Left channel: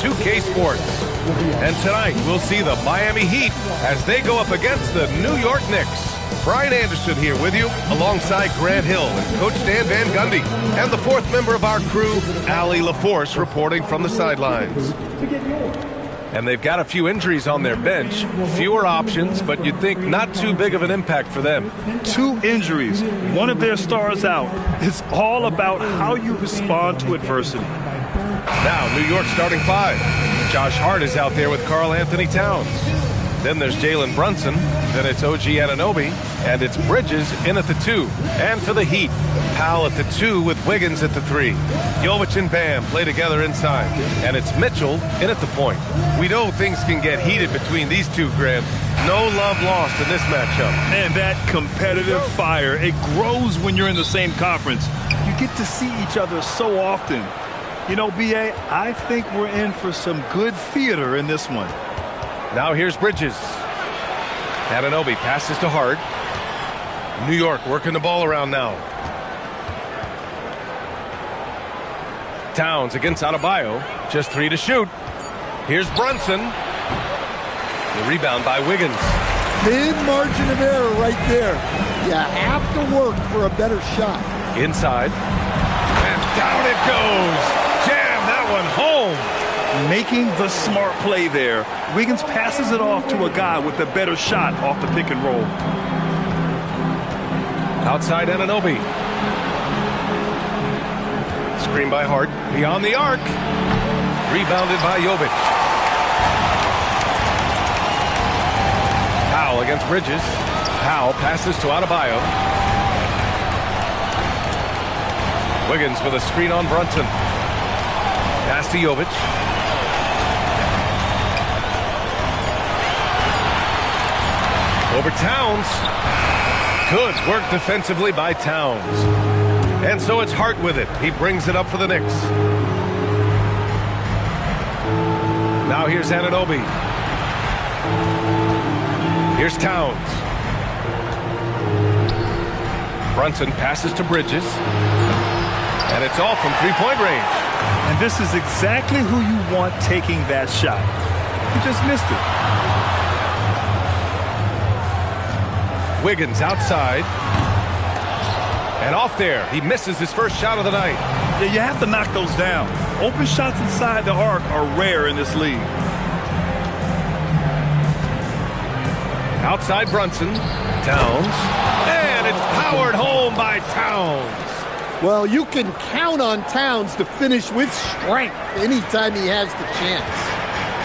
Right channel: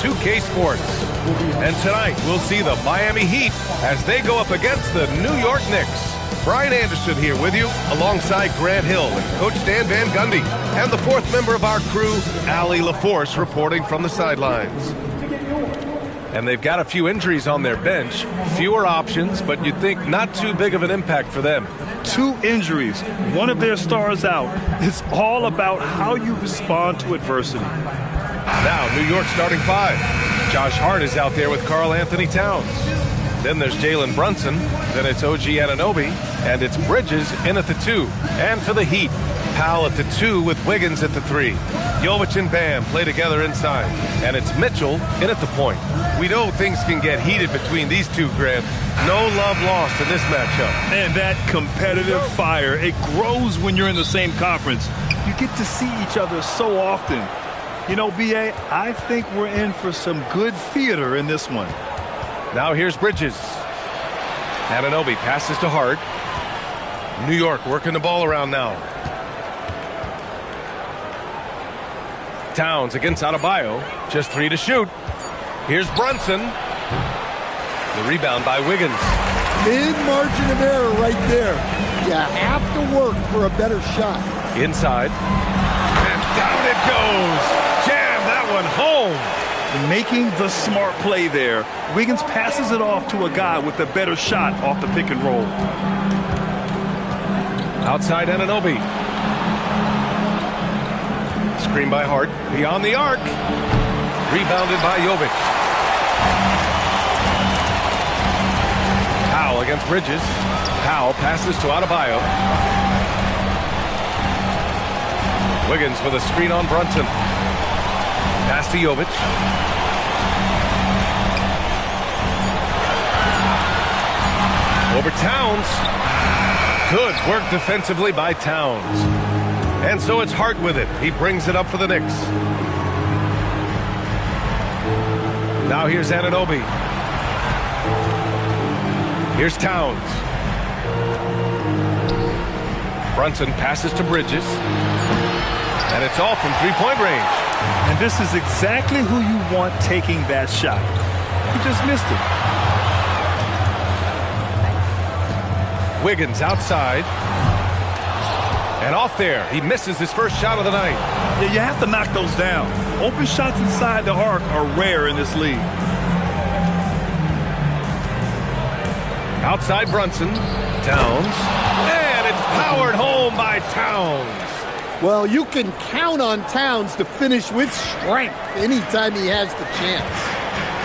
2K Sports. And tonight, we'll see the Miami Heat as they go up against the New York Knicks. Brian Anderson here with you, alongside Grant Hill and Coach Dan Van Gundy, and the fourth member of our crew, Allie LaForce, reporting from the sidelines. And they've got a few injuries on their bench, fewer options, but you'd think not too big of an impact for them. 2 injuries, one of their stars out. It's all about how you respond to adversity. Now, New York starting 5. Josh Hart is out there with Karl Anthony Towns. Then there's Jalen Brunson, then it's OG Anunoby, and it's Bridges in at the 2. And for the Heat, Powell at the 2 with Wiggins at the 3. Jovic and Bam play together inside, and it's Mitchell in at the point. We know things can get heated between these two, Grant. No love lost in this matchup. And that competitive fire, it grows when you're in the same conference. You get to see each other so often. You know, B.A., I think we're in for some good theater in this one. Now here's Bridges. Anunoby passes to Hart. New York working the ball around now. Towns against Adebayo. Just 3 to shoot. Here's Brunson. The rebound by Wiggins. Thin margin of error right there. You have to work for a better shot. Inside. And down it goes. Jam that one home. Making the smart play there. Wiggins passes it off to a guy with a better shot off the pick and roll. Outside Anunoby. Screen by Hart. Beyond the arc. Rebounded by Jovic. Powell against Bridges. Powell passes to Adebayo. Wiggins with a screen on Brunson. Pass to Jovic. Over Towns. Good work defensively by Towns. And so it's Hart with it. He brings it up for the Knicks. Now here's Anunoby. Here's Towns. Brunson passes to Bridges. And it's all from three-point range. And this is exactly who you want taking that shot. He just missed it. Wiggins outside. And off there. He misses his first shot of the night. Yeah, you have to knock those down. Open shots inside the arc are rare in this league. Outside Brunson. Towns. And it's powered home by Towns. Well, you can count on Towns to finish with strength anytime he has the chance.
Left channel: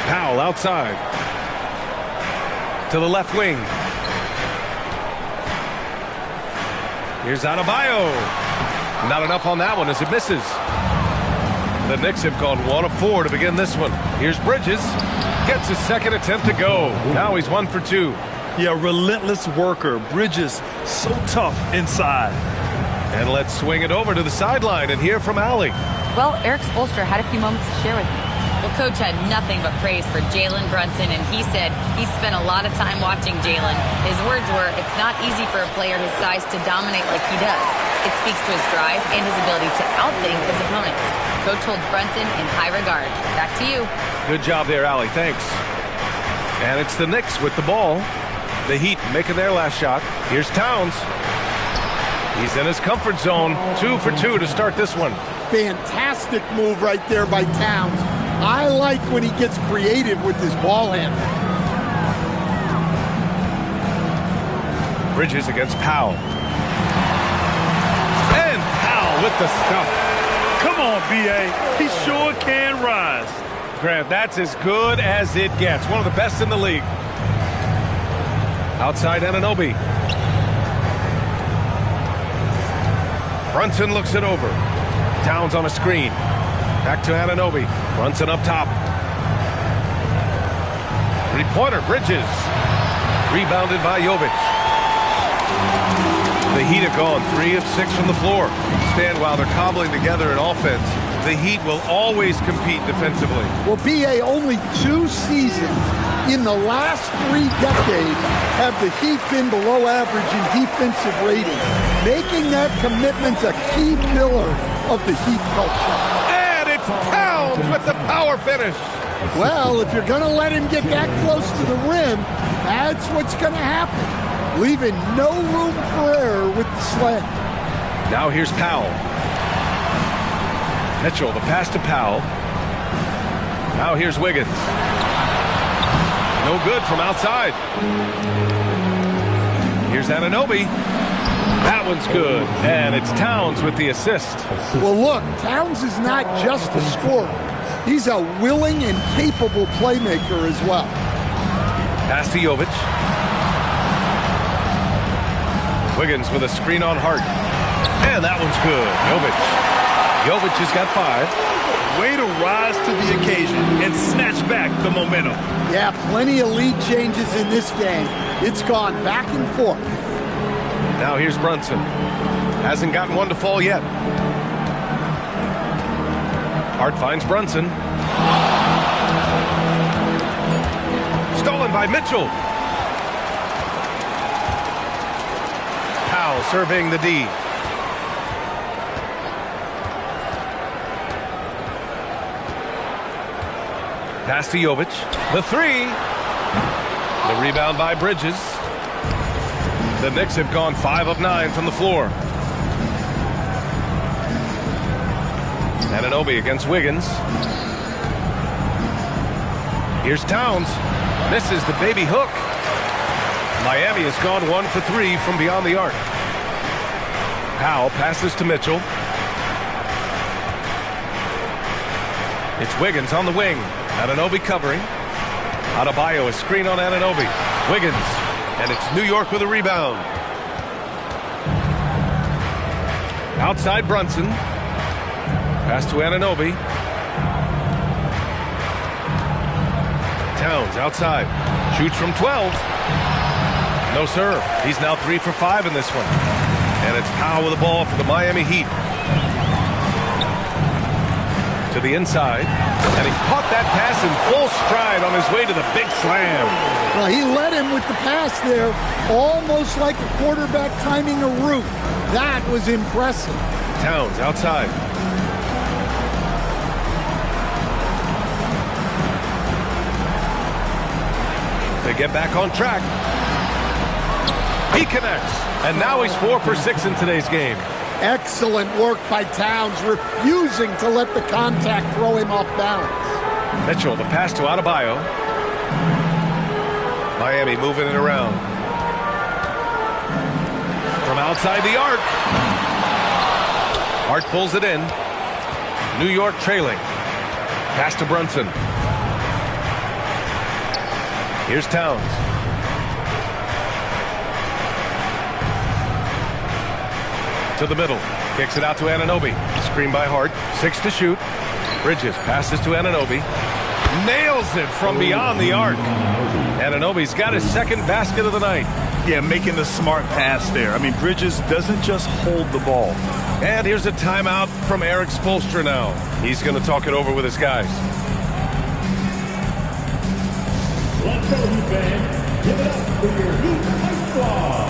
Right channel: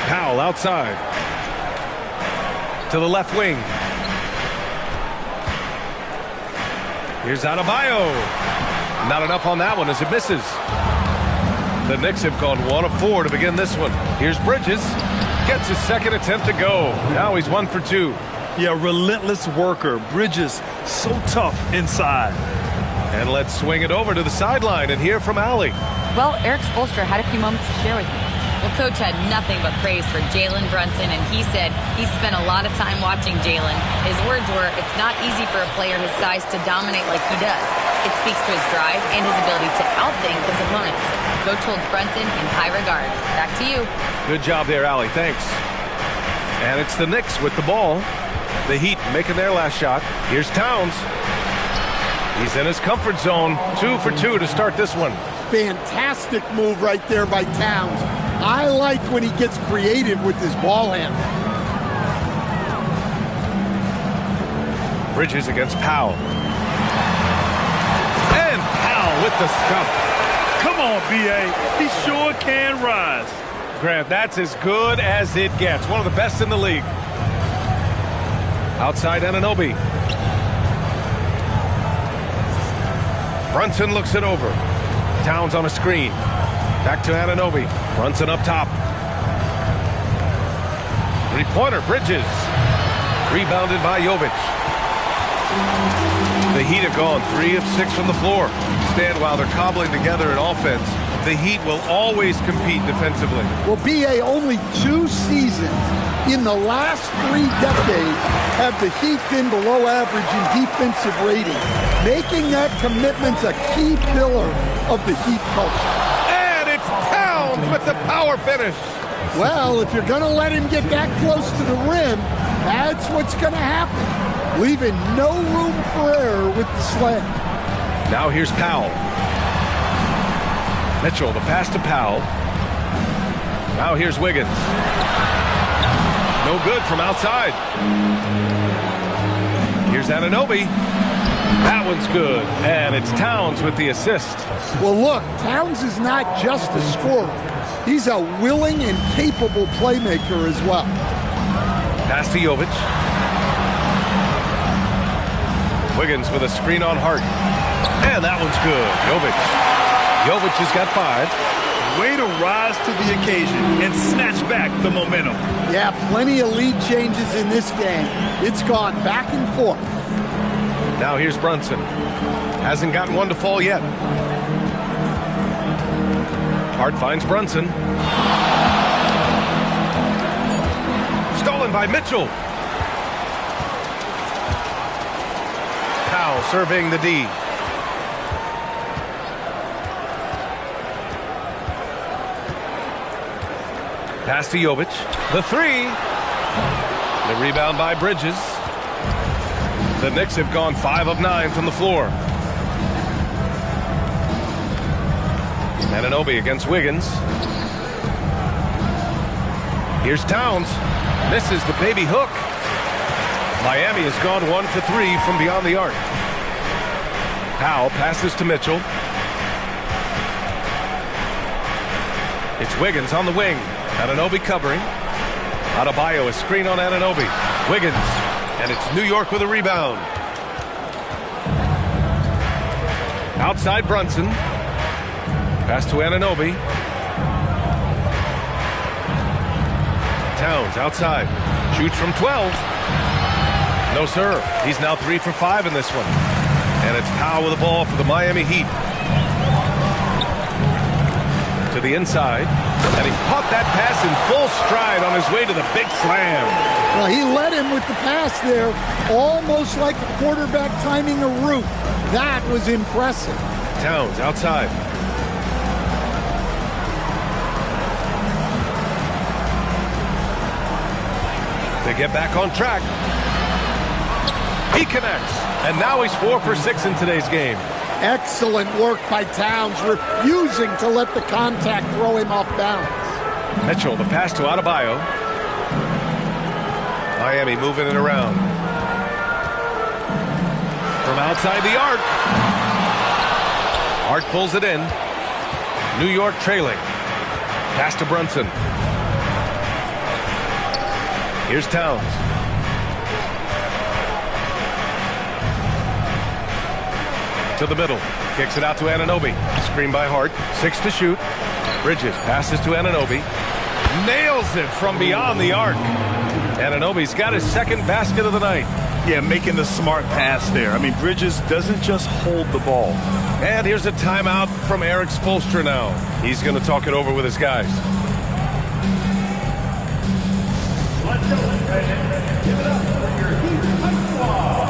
Powell outside. To the left wing. Here's Adebayo. Not enough on that one as it misses. The Knicks have gone 1 of 4 to begin this one. Here's Bridges. Gets his second attempt to go. Now he's 1 for 2. Yeah, relentless worker. Bridges, so tough inside. And let's swing it over to the sideline and hear from Allie. Well, Eric Spoelstra had a few moments to share with me. Well, Coach had nothing but praise for Jalen Brunson, and he said he spent a lot of time watching Jalen. His words were, it's not easy for a player his size to dominate like he does. It speaks to his drive and his ability to outthink his opponents. Coach holds Brunson in high regard. Back to you. Good job there, Allie. Thanks. And it's the Knicks with the ball. The Heat making their last shot. Here's Towns. He's in his comfort zone. 2 for 2 to start this one. Fantastic move right there by Towns. I like when he gets creative with his ball handle. Bridges against Powell. And Powell with the stuff. Come on, B.A. He sure can rise. Grant, that's as good as it gets. One of the best in the league. Outside Anunoby. Brunson looks it over. Towns on a screen. Back to Anunoby. Brunson up top. Three-pointer, Bridges. Rebounded by Jovic. The Heat have gone 3 of 6 from the floor. Stand while they're cobbling together in offense. The Heat will always compete defensively. Well, B.A., only 2 seasons in the last 3 decades have the Heat been below average in defensive rating, making that commitment a key pillar of the Heat culture. And it's Towns with the power finish. Well, if you're going to let him get that close to the rim, that's what's going to happen. Leaving no room for error with the slam. Now here's Powell. Mitchell, the pass to Powell. Now here's Wiggins. No good from outside. Here's Anunoby. That one's good. And it's Towns with the assist. Well, look, Towns is not just a scorer. He's a willing and capable playmaker as well. Pass to Jovic. Wiggins with a screen on Hart. And that one's good. Jovic has got 5. Way to rise to the occasion and snatch back the momentum. Yeah, plenty of lead changes in this game. It's gone back and forth. Now here's Brunson. Hasn't gotten one to fall yet. Hart finds Brunson. Stolen by Mitchell. Powell surveying the D. Pass to Jovic. The 3. The rebound by Bridges. The Knicks have gone 5 of 9 from the floor. Anunoby against Wiggins. Here's Towns. Misses the baby hook. Miami has gone 1 for 3 from beyond the arc. Powell passes to Mitchell. It's Wiggins on the wing. Anunoby covering. Adebayo, a screen on Anunoby. Wiggins. And it's New York with a rebound. Outside Brunson. Pass to Anunoby. Towns outside. Shoots from 12. No, sir. He's now 3 for 5 in this one. And it's Powell with the ball for the Miami Heat. To the inside. And he caught that pass in full stride on his way to the big slam. Well, he led him with the pass there, almost like a quarterback timing a route. That was impressive. Towns outside. To get back on track. He connects. And now he's 4 for 6 in today's game. Excellent work by Towns, refusing to let the contact throw him off balance. Mitchell, the pass to Adebayo. Miami moving it around. From outside the arc. Hart pulls it in. New York trailing. Pass to Brunson. Here's Towns. To the middle. Kicks it out to Anunoby. Screen by Hart. 6 to shoot. Bridges passes to Anunoby. Nails it from beyond the arc. Anunoby's got his second basket of the night. Yeah, making the smart pass there. I mean, Bridges doesn't just hold the ball. And here's a timeout from Eric Spoelstra now. He's going to talk it over with his guys. Let's go, fans. Give it up for your Heat High Squad.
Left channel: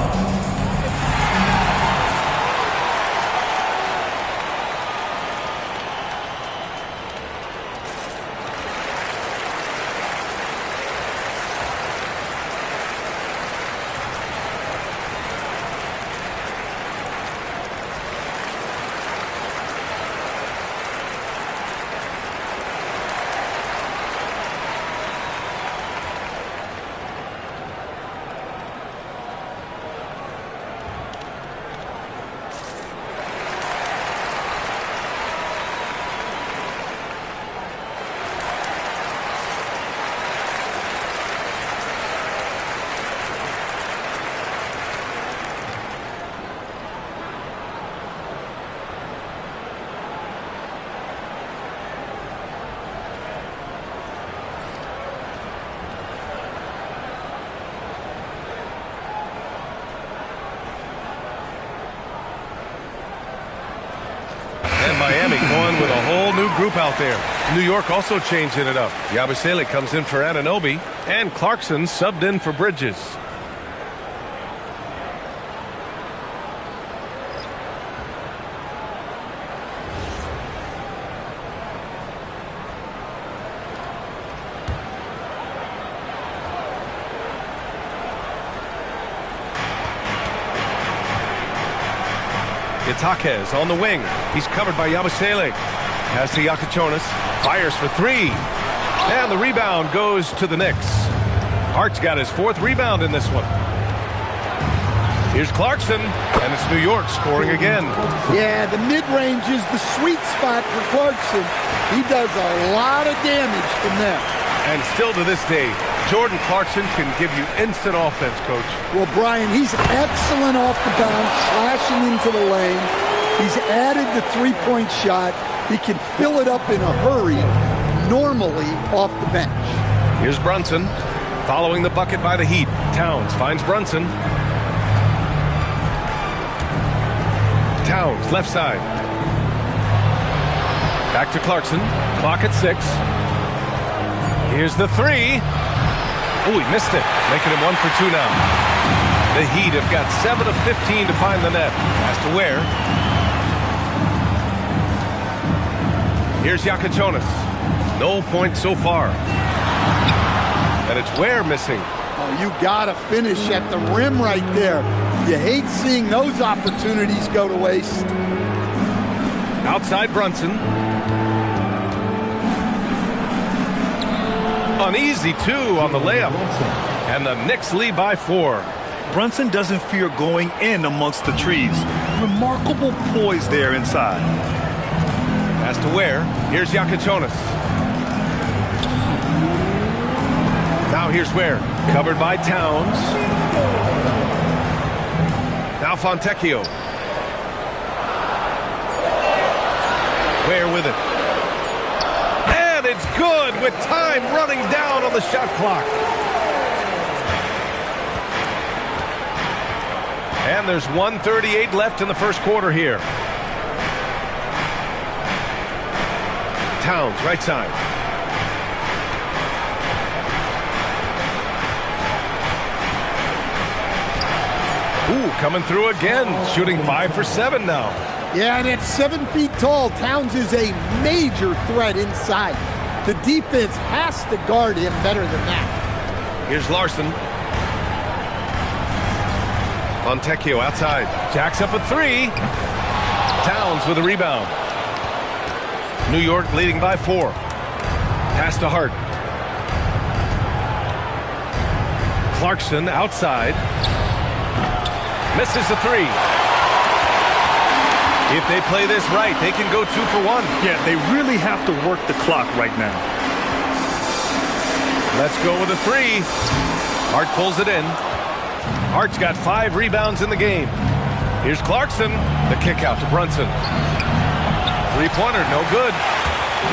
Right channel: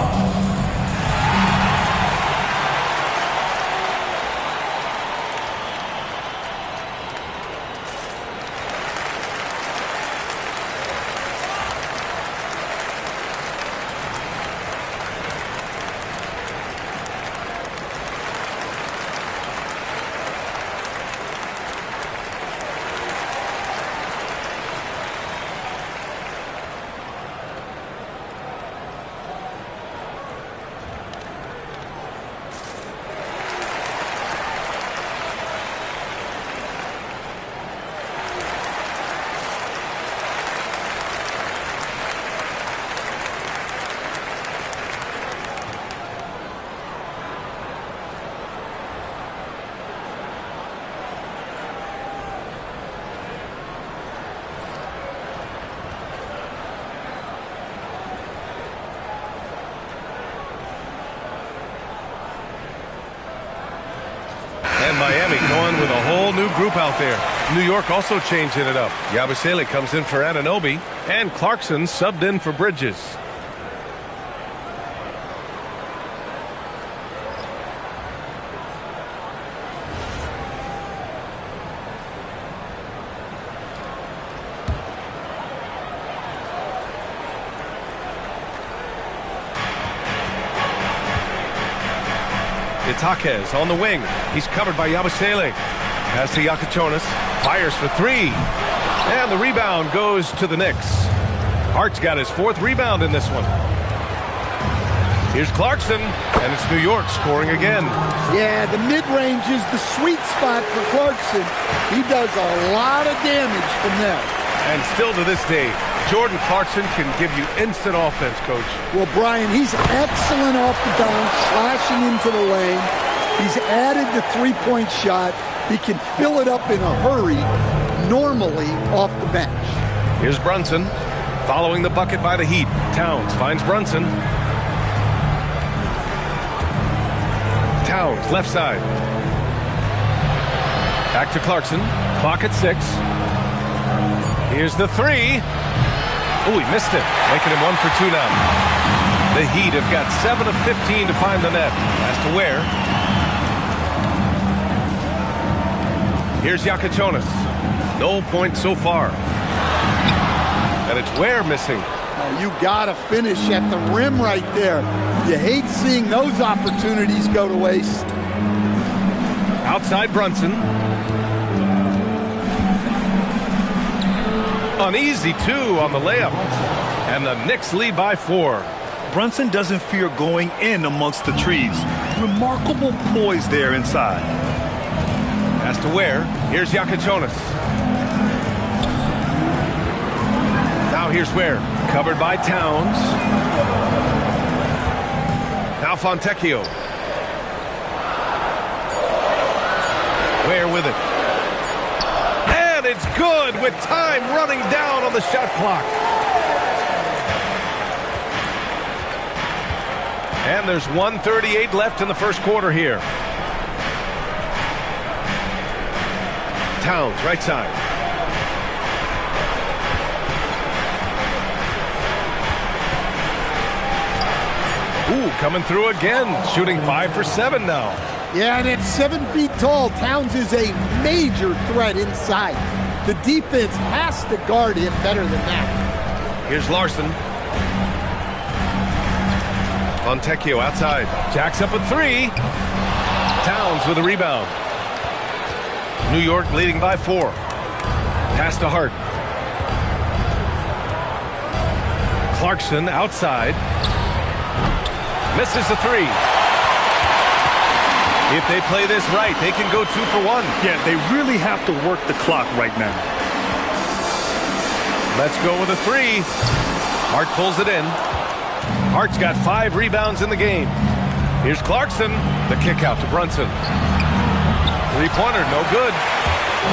And Miami going with a whole new group out there. New York also changing it up. Yabusele comes in for Anunoby, and Clarkson subbed in for Bridges. It's Jaquez on the wing. He's covered by Yabusele. Pass to Yakachonis. Fires for three. And the rebound goes to the Knicks. Hart's got his 4th rebound in this one. Here's Clarkson, and it's New York scoring again. Yeah, the mid-range is the sweet spot for Clarkson. He does a lot of damage from there. And still to this day, Jordan Clarkson can give you instant offense, Coach. Well, Brian, he's excellent off the bounce, slashing into the lane. He's added the three-point shot. He can fill it up in a hurry, normally off the bench. Here's Brunson, following the bucket by the Heat. Towns finds Brunson. Towns, left side. Back to Clarkson. Clock at 6. Here's the three. Oh, he missed it. Making him 1 for 2 now. The Heat have got 7 of 15 to find the net. Has to Ware. Here's Yakachonis. No points so far. And it's Ware missing. Oh, you gotta finish at the rim right there. You hate seeing those opportunities go to waste. Outside Brunson. Uneasy 2 on the layup. And the Knicks lead by 4. Brunson doesn't fear going in amongst the trees. Remarkable poise there inside. Has to Ware. Here's Yakachonis. Now here's Ware. Covered by Towns. Now Fontecchio. Ware with it. And it's good with time running down on the shot clock. And there's 1:38 left in the first quarter here. Towns, right side. Ooh, coming through again. Shooting 5 for 7 now. Yeah, and at 7 feet tall, Towns is a major threat inside. The defense has to guard him better than that. Here's Larson. Fontecchio outside. Jacks up a 3. Towns with a rebound. New York leading by 4. Pass to Hart. Clarkson outside. Misses the 3. If they play this right, they can go 2 for 1. Yeah, they really have to work the clock right now. Let's go with a 3. Hart pulls it in. Hart's got 5 rebounds in the game. Here's Clarkson. The kick out to Brunson. Three-pointer, no good.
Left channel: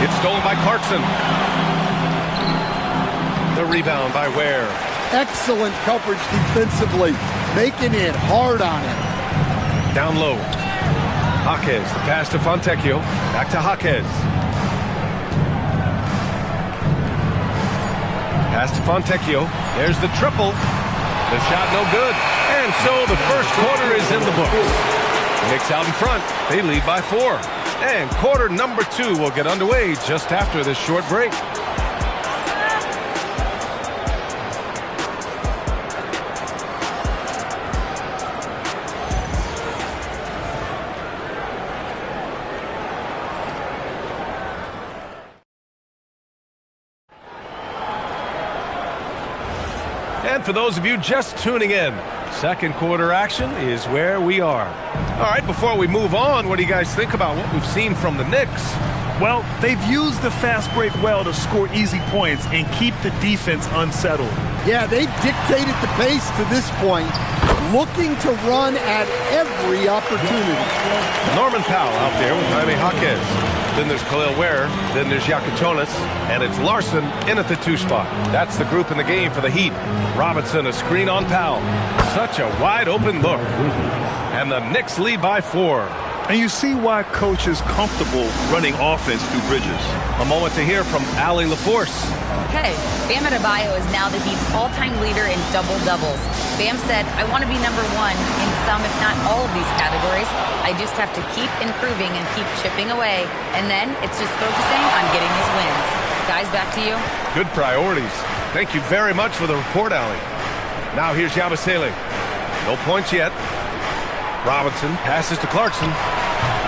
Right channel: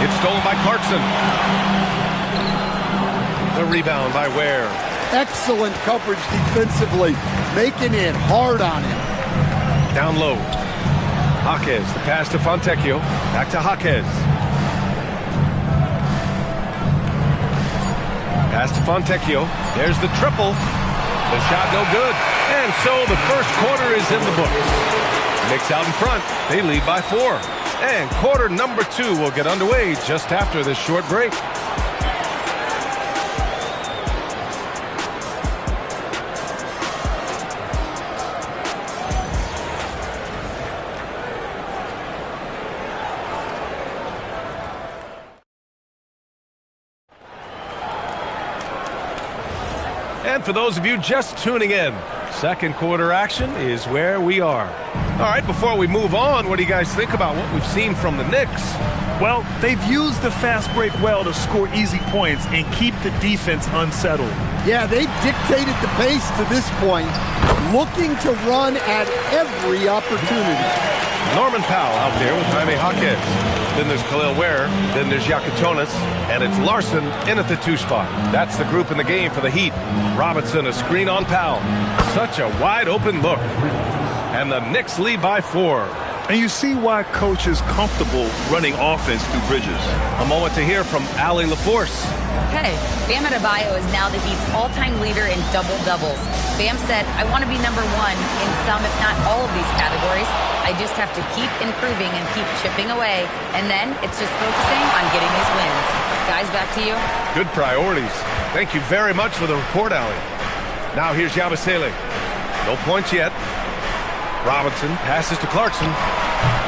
It's stolen by Clarkson. The rebound by Ware. Excellent coverage defensively, making it hard on him. Down low. Jaquez, the pass to Fontecchio. Back to Jaquez. Pass to Fontecchio. There's the triple. The shot no good. And so the first quarter is in the books. Knicks out in front. They lead by 4. And quarter number 2 will get underway just after this short break. And for those of you just tuning in, second quarter action is where we are. All right, before we move on, what do you guys think about what we've seen from the Knicks? Well, they've used the fast break well to score easy points and keep the defense unsettled. Yeah, they've dictated the pace to this point, looking to run at every opportunity. Norman Powell out there with Jaime Jaquez. Then there's Khalil Ware. Then there's Yakachonis. And it's Larson in at the 2 spot. That's the group in the game for the Heat. Robinson, a screen on Powell. Such a wide open look. And the Knicks lead by 4. And you see why Coach is comfortable running offense through Bridges. A moment to hear from Allie LaForce. Hey, Bam Adebayo is now the Heat's all-time leader in double-doubles. Bam said, I want to be number 1 in some, if not all of these categories. I just have to keep improving and keep chipping away. And then it's just focusing on getting these wins. Guys, back to you. Good priorities. Thank you very much for the report, Allie. Now here's Yabusele. No points yet. Robinson passes to Clarkson.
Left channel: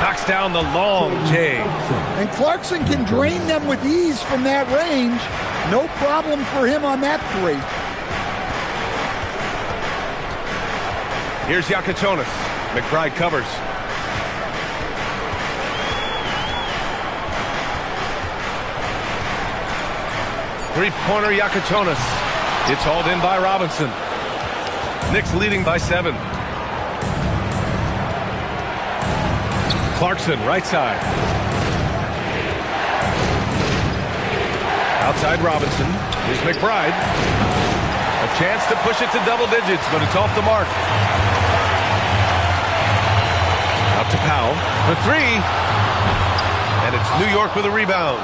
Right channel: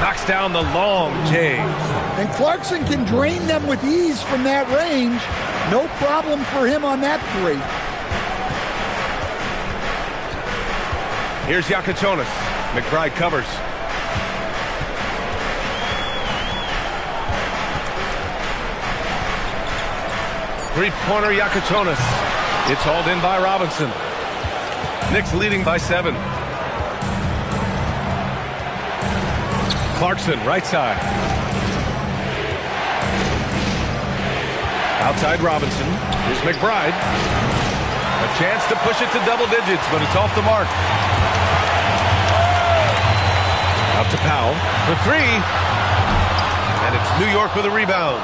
Knocks down the long J. And Clarkson can drain them with ease from that range. No problem for him on that three. Here's Yakichonis. McBride covers. Three-pointer Yakichonis. It's hauled in by Robinson. Knicks leading by 7. Clarkson, right side. Outside Robinson. Here's McBride. A chance to push it to double digits, but it's off the mark. Out to Powell for 3. And it's New York with a rebound.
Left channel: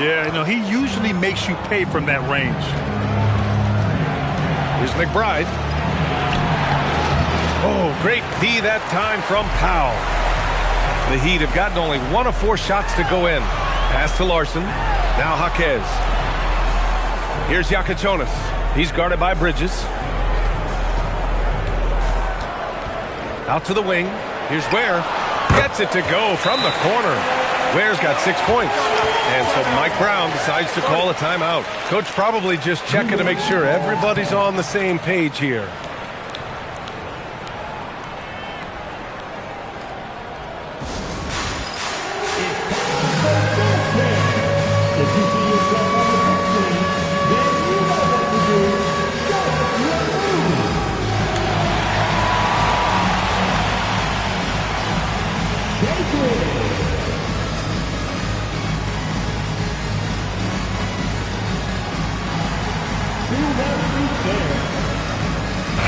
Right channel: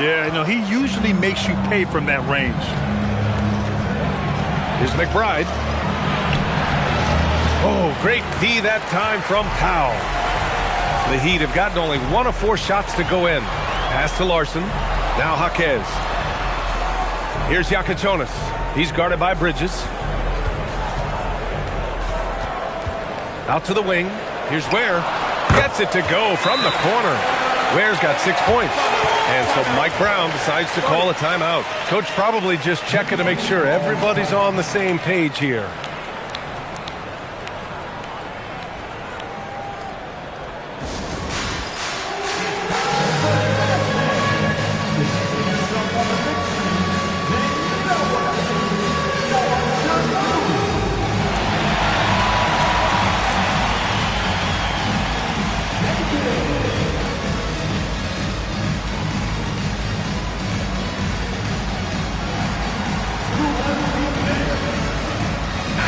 Yeah, you know, he usually makes you pay from that range. Here's McBride. Oh, great D that time from Powell. The Heat have gotten only 1 of 4 shots to go in. Pass to Larson. Now Jaquez. Here's Yakichonis. He's guarded by Bridges. Out to the wing. Here's Ware. Gets it to go from the corner. Ware's got 6 points. And so Mike Brown decides to call a timeout. Coach probably just checking to make sure everybody's on the same page here.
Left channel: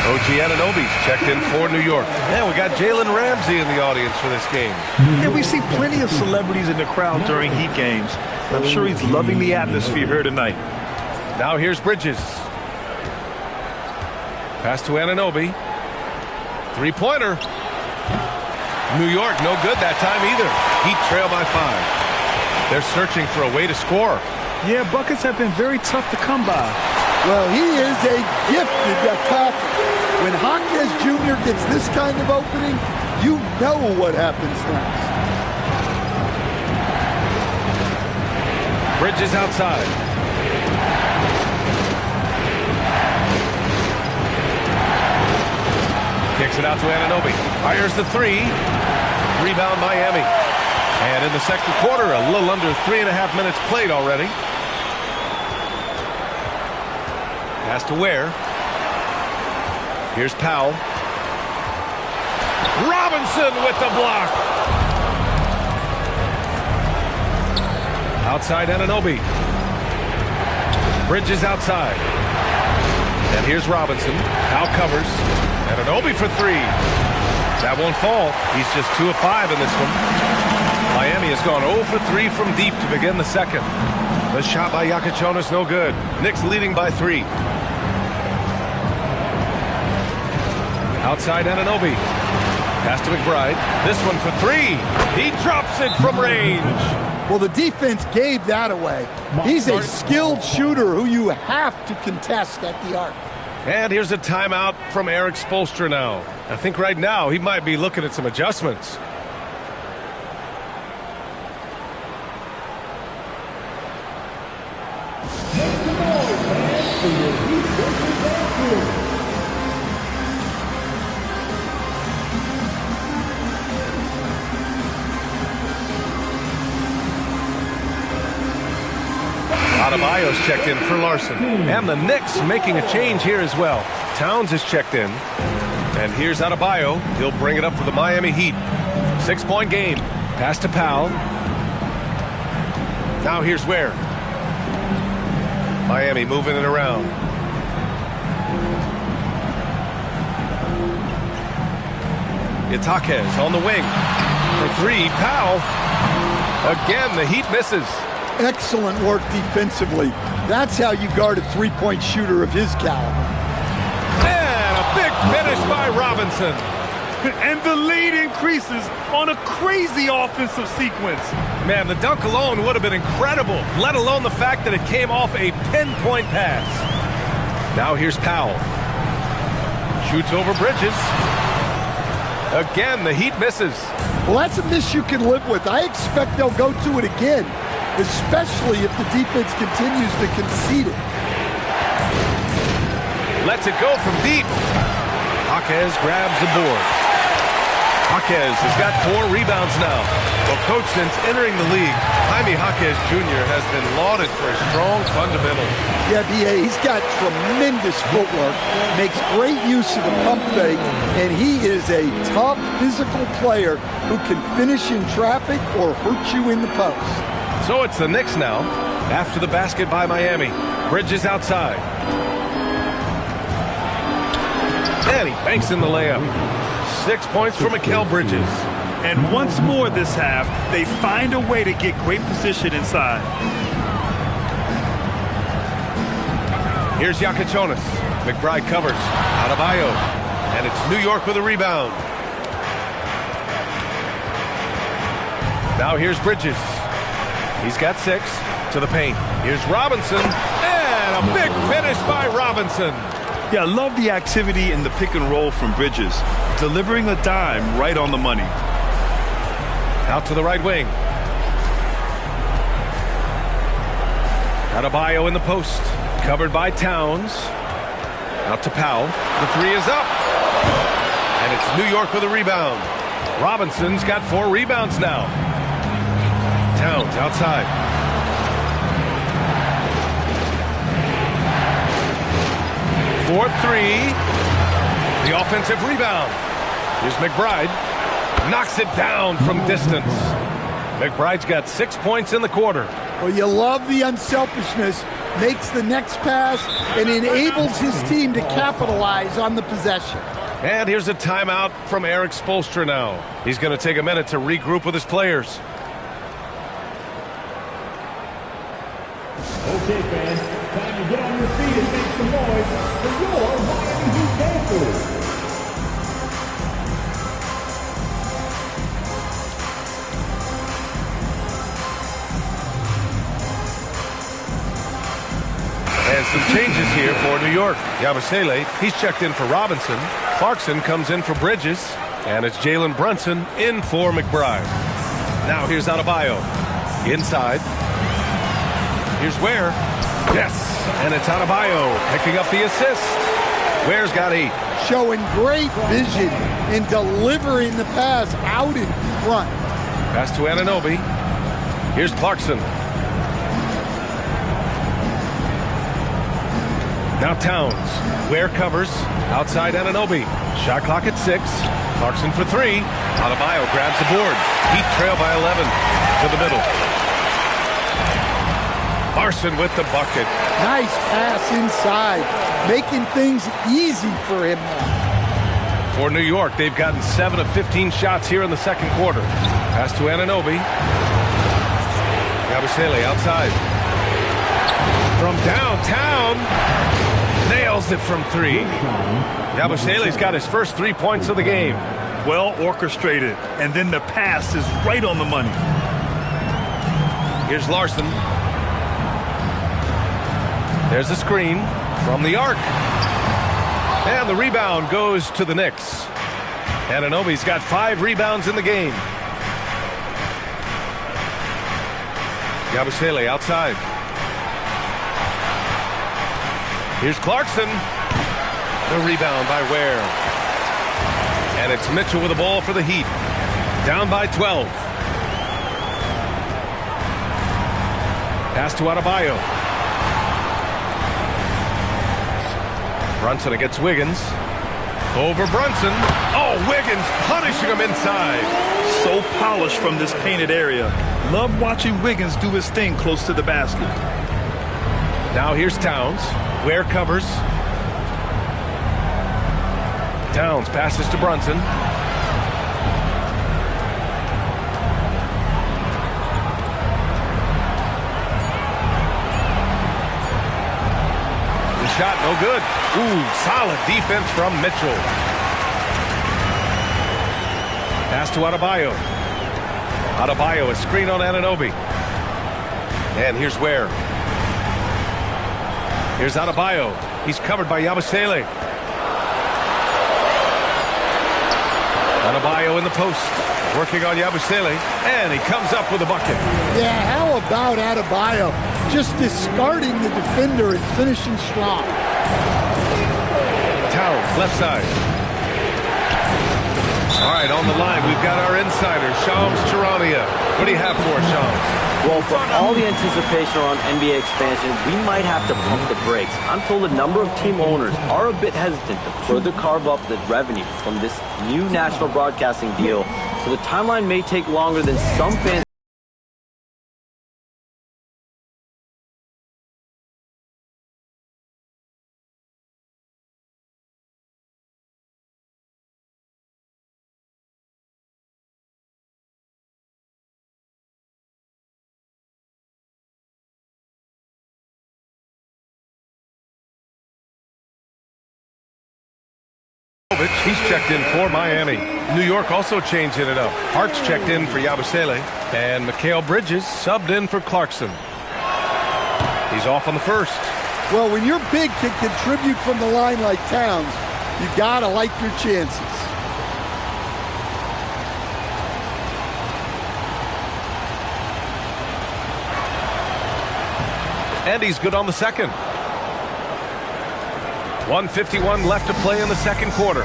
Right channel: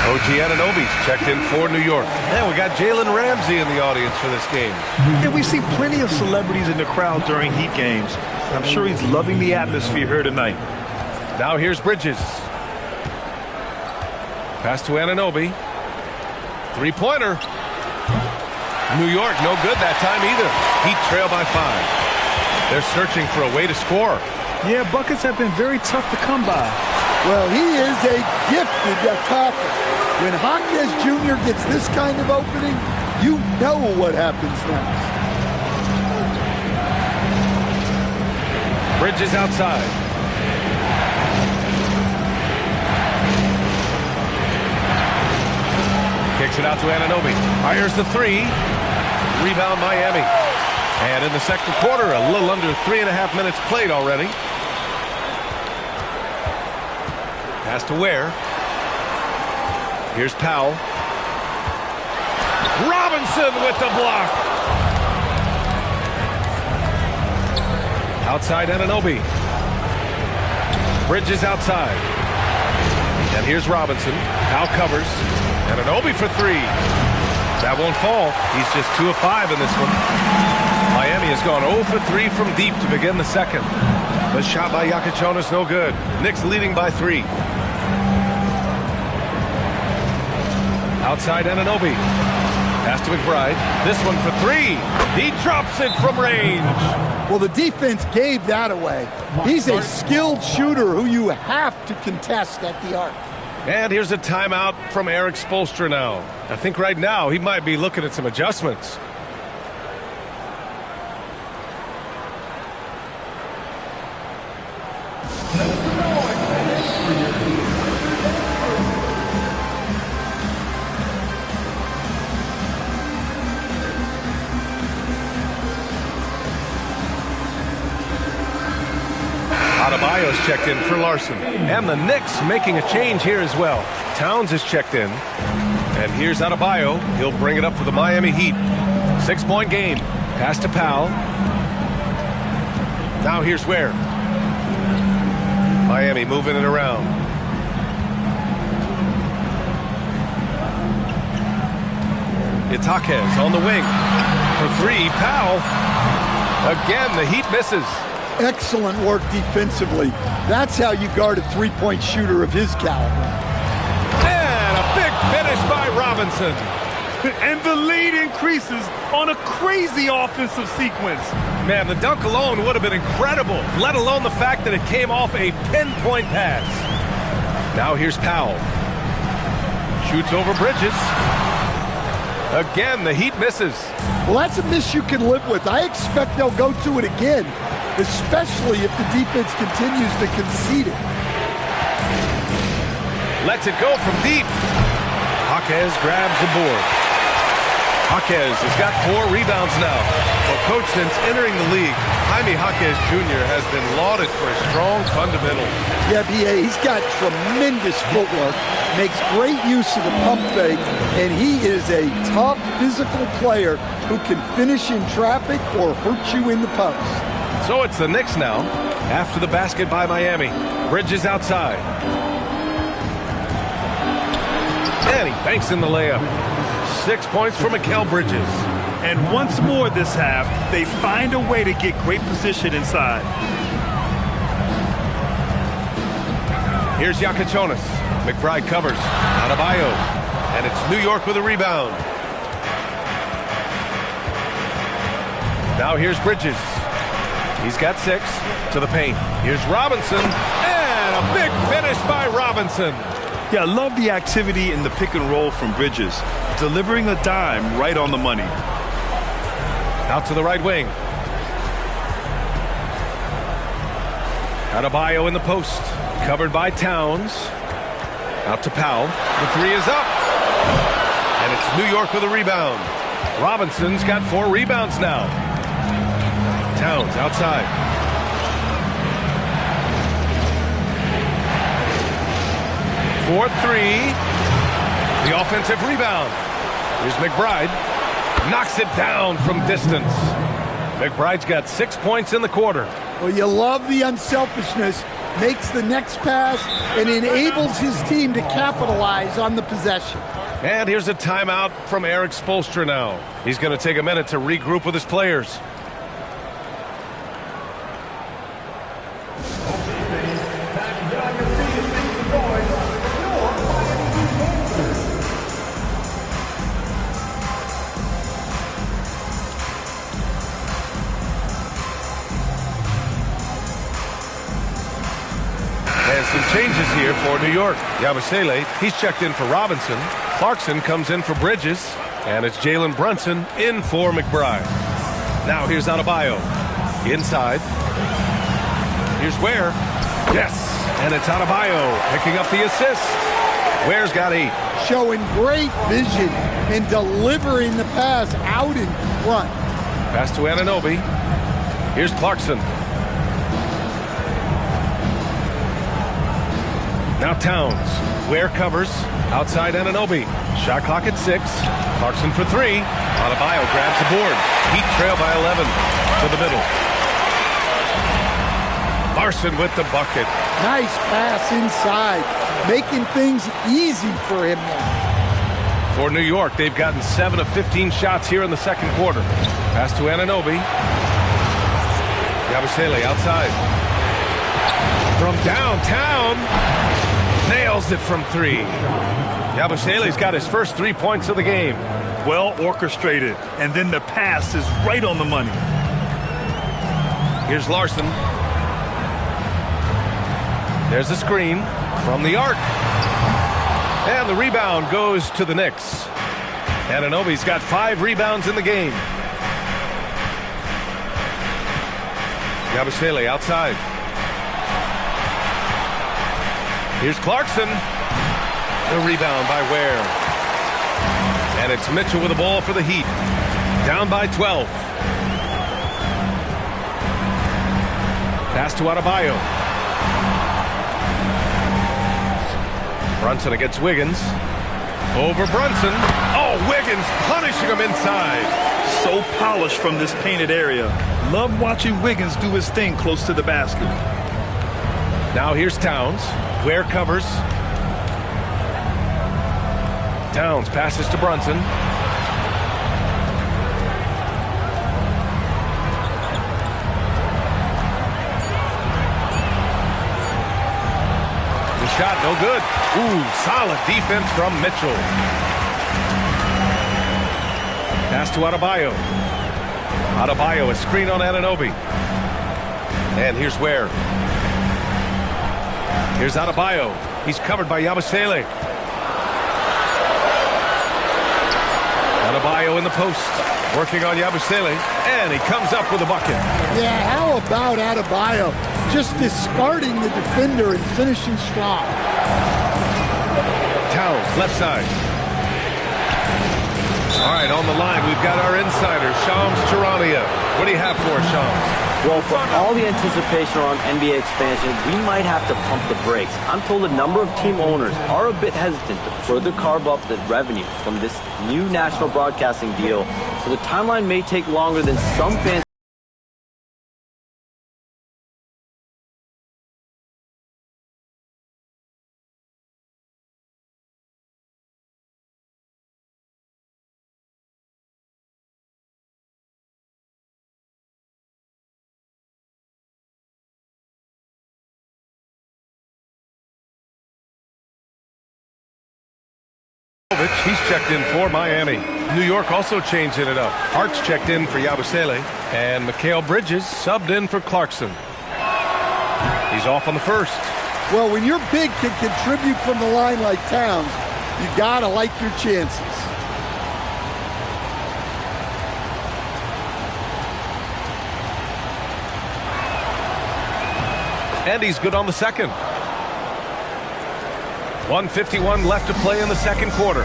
OG Anunoby's checked in for New York. And we got Jalen Ramsey in the audience for this game. Yeah, we see plenty of celebrities in the crowd during Heat games. I'm sure he's loving the atmosphere here tonight. Now here's Bridges. Pass to Anunoby. Three-pointer. New York, no good that time either. Heat trail by 5. They're searching for a way to score. Yeah, buckets have been very tough to come by. Well, he is a gifted attacker. When Jaquez Jr. gets this kind of opening, you know what happens next. Bridges outside. Kicks it out to Anunoby. Fires the 3. Rebound Miami. And in the second quarter, a little under 3.5 minutes played already. Pass to Ware. Here's Powell. Robinson with the block. Outside Anunoby. Bridges outside. And here's Robinson. Powell covers. Anunoby for 3. That won't fall. He's just 2 of 5 in this one. Miami has gone 0 for 3 from deep to begin the second. The shot by Yakichonis, no good. Knicks leading by 3. Outside Anunoby. Pass to McBride. This one for 3. He drops it from range. Well, the defense gave that away. He's a skilled shooter who you have to contest at the arc. And here's a timeout from Eric Spoelstra now. I think right now he might be looking at some adjustments. Adebayo's checked in for Larson. And the Knicks making a change here as well. Towns is checked in. And here's Adebayo. He'll bring it up for the Miami Heat. 6-point game. Pass to Powell. Now here's Ware. Miami moving it around. It's Jaquez on the wing. For 3, Powell. Again, the Heat misses. Excellent work defensively. That's how you guard a three-point shooter of his caliber. And a big finish by Robinson. And the lead increases on a crazy offensive sequence. Man, the dunk alone would have been incredible, let alone the fact that it came off a pinpoint pass. Now here's Powell. Shoots over Bridges. Again, the Heat misses. Well, that's a miss you can live with. I expect they'll go to it again, especially if the defense continues to concede it. Lets it go from deep. Jaquez grabs the board. Jaquez has got 4 rebounds now. Well, Coach, since entering the league, Jaime Jaquez Jr. has been lauded for his strong fundamentals. Yeah, B.A., he's got tremendous footwork, makes great use of the pump fake, and he is a tough physical player who can finish in traffic or hurt you in the post. So it's the Knicks now, after the basket by Miami. Bridges outside. And he banks in the layup. 6 points for Mikal Bridges. And once more this half, they find a way to get great position inside. Here's Yakachonis. McBride covers. Adebayo. And it's New York with a rebound. Now here's Bridges. He's got 6 to the paint. Here's Robinson. And a big finish by Robinson. Yeah, I love the activity in the pick and roll from Bridges, delivering a dime right on the money. Out to the right wing. Adebayo in the post. Covered by Towns. Out to Powell. The 3 is up. And it's New York with a rebound. Robinson's got 4 rebounds now. Towns outside. For 3. The offensive rebound. Here's McBride. Knocks it down from distance. McBride's got 6 points in the quarter. Well, you love the unselfishness. Makes the next pass and enables his team to capitalize on the possession. And here's a timeout from Eric Spoelstra now. He's going to take a minute to regroup with his players. Okay, fans, time to get on your feet and make some noise for your Miami Heat dancers. And some changes here for New York. Yabusele, he's checked in for Robinson. Clarkson comes in for Bridges. And it's Jalen Brunson in for McBride. Now here's Adebayo. Inside. Here's Ware. Yes. And it's Adebayo picking up the assist. Ware's got 8. Showing great vision and delivering the pass out in front. Pass to Anunoby. Here's Clarkson. Now Towns. Ware covers. Outside Anunoby. Shot clock at 6. Clarkson for 3. Adebayo grabs the board. Heat trail by 11. To the middle. Larson with the bucket. Nice pass inside. Making things easy for him now. For New York, they've gotten 7 of 15 shots here in the second quarter. Pass to Anunoby. Yabusele outside. From downtown. Nails it from 3. Yabusele's got his first 3 points of the game. Well orchestrated, and then the pass is right on the money. Here's Larson. There's a screen from the arc. And the rebound goes to the Knicks. Anunoby's got 5 rebounds in the game. Yabusele outside. Here's Clarkson. The rebound by Ware. And it's Mitchell with the ball for the Heat. Down by 12. Pass to Adebayo. Brunson against Wiggins. Over Brunson. Oh, Wiggins punishing him inside. So polished from this painted area. Love watching Wiggins do his thing close to the basket. Now here's Towns. Ware covers. Towns passes to Brunson. The shot no good. Ooh, solid defense from Mitchell. Pass to Adebayo. Adebayo, a screen on Anunoby. And here's Ware. Here's Adebayo. He's covered by Yabusele. Adebayo in the post, working on Yabusele, and he comes up with a bucket. Yeah, how about Adebayo just discarding the defender and finishing strong? Towns, left side. All right, on the line, we've got our insider, Shams Charania. What do you have for us, Shams? Well, for all the anticipation around NBA expansion, we might have to pump the brakes. I'm told a number of team owners are a bit hesitant to further carve up the revenue from this new national broadcasting deal, so the timeline may take longer than some fans. He's checked in for Miami. New York also changing it up. Hart's checked in for Yabusele, and Mikal Bridges subbed in for Clarkson. He's off on the first. Well, when your big can contribute from the line like Towns, you gotta like your chances. And he's good on the second. 1:51 left to play in the second quarter.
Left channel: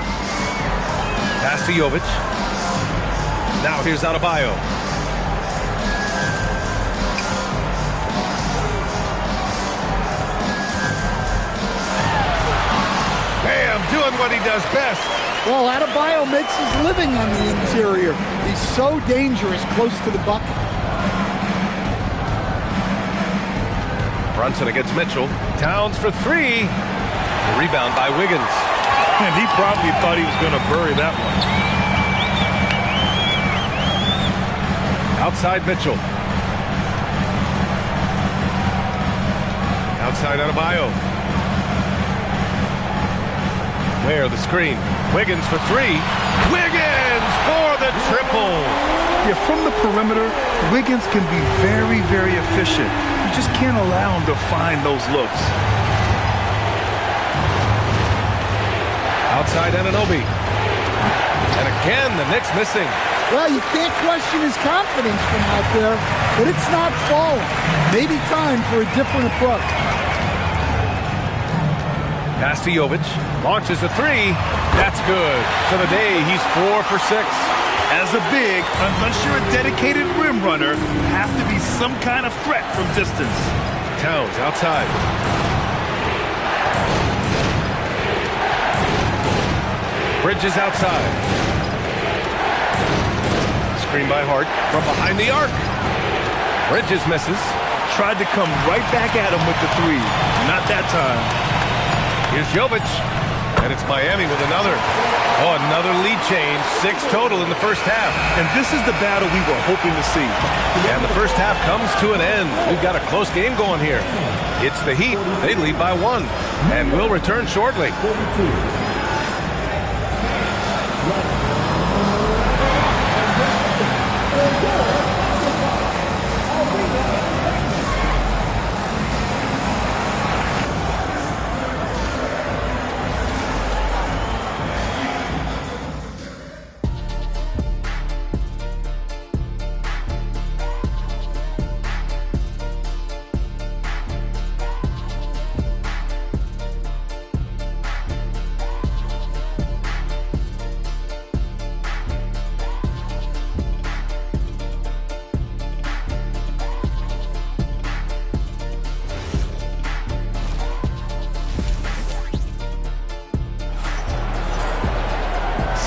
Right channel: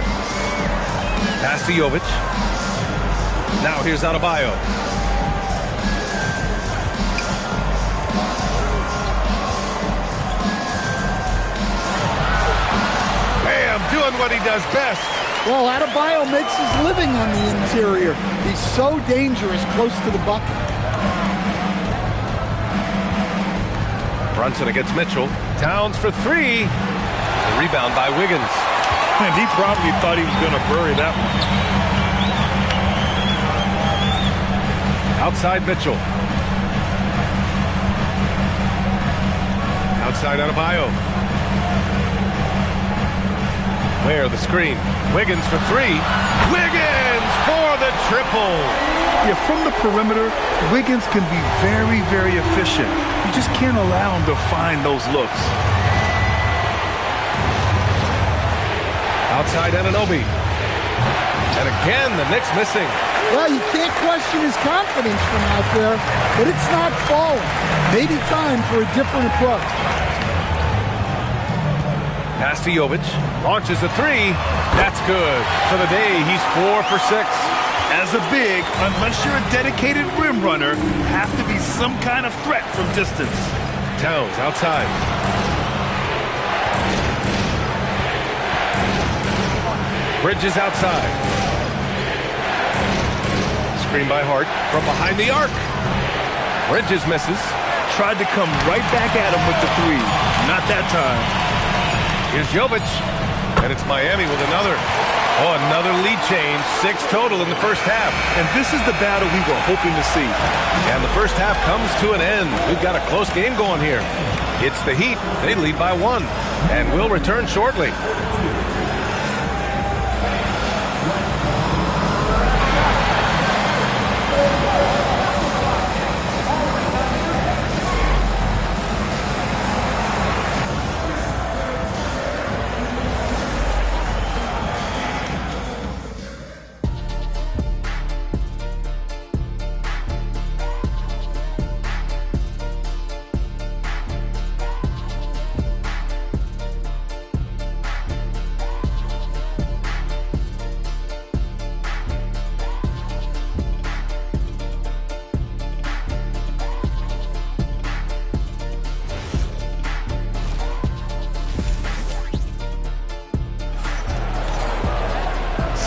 Pass to Jovic. Now here's Adebayo. Bam, doing what he does best. Well, Adebayo makes his living on the interior. He's so dangerous close to the bucket. Brunson against Mitchell. Towns for three. The rebound by Wiggins. And he probably thought he was going to bury that one. Outside Mitchell. Outside Adebayo. Where the screen. Wiggins for three. Wiggins for the triple. Yeah, from the perimeter, Wiggins can be very, very efficient. You just can't allow him to find those looks. Outside Anunoby. And again, the Knicks missing. Well, you can't question his confidence from out there, but it's not falling. Maybe time for a different approach. Pass to Jovic. Launches a three. That's good. For the day, he's 4 for 6. As a big, unless you're a dedicated rim runner, have to be some kind of threat from distance. Towns outside. Bridges outside. Screen by Hart from behind the arc. Bridges misses. Tried to come right back at him with the three. Not that time. Here's Jovic. And it's Miami with another. Oh, another lead change. 6 total in the first half. And this is the battle we were hoping to see. And the first half comes to an end. We've got a close game going here. It's the Heat. They lead by 1. And we'll return shortly.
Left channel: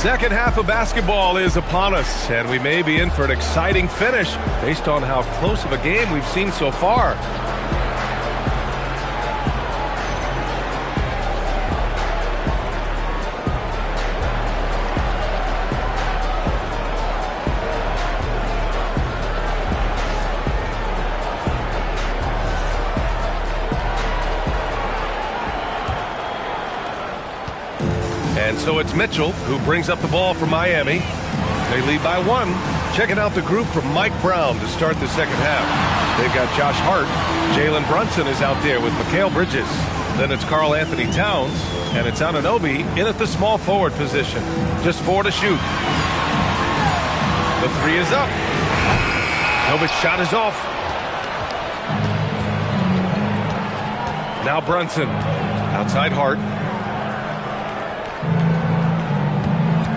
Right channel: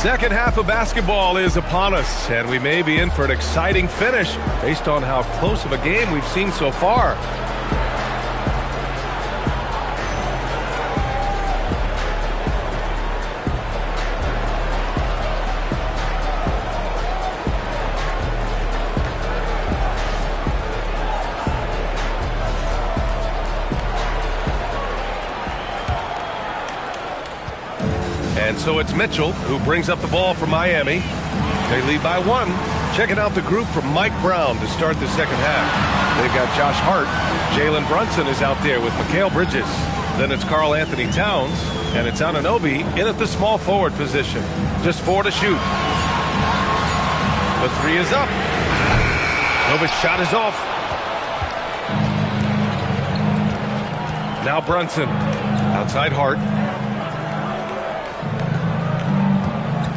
Second half of basketball is upon us, and we may be in for an exciting finish based on how close of a game we've seen so far. And so it's Mitchell who brings up the ball for Miami. They lead by 1. Checking out the group from Mike Brown to start the second half. They've got Josh Hart. Jalen Brunson is out there with Mikal Bridges. Then it's Karl Anthony Towns. And it's Anunoby in at the small forward position. Just 4 to shoot. The three is up. Novic's shot is off. Now Brunson. Outside Hart.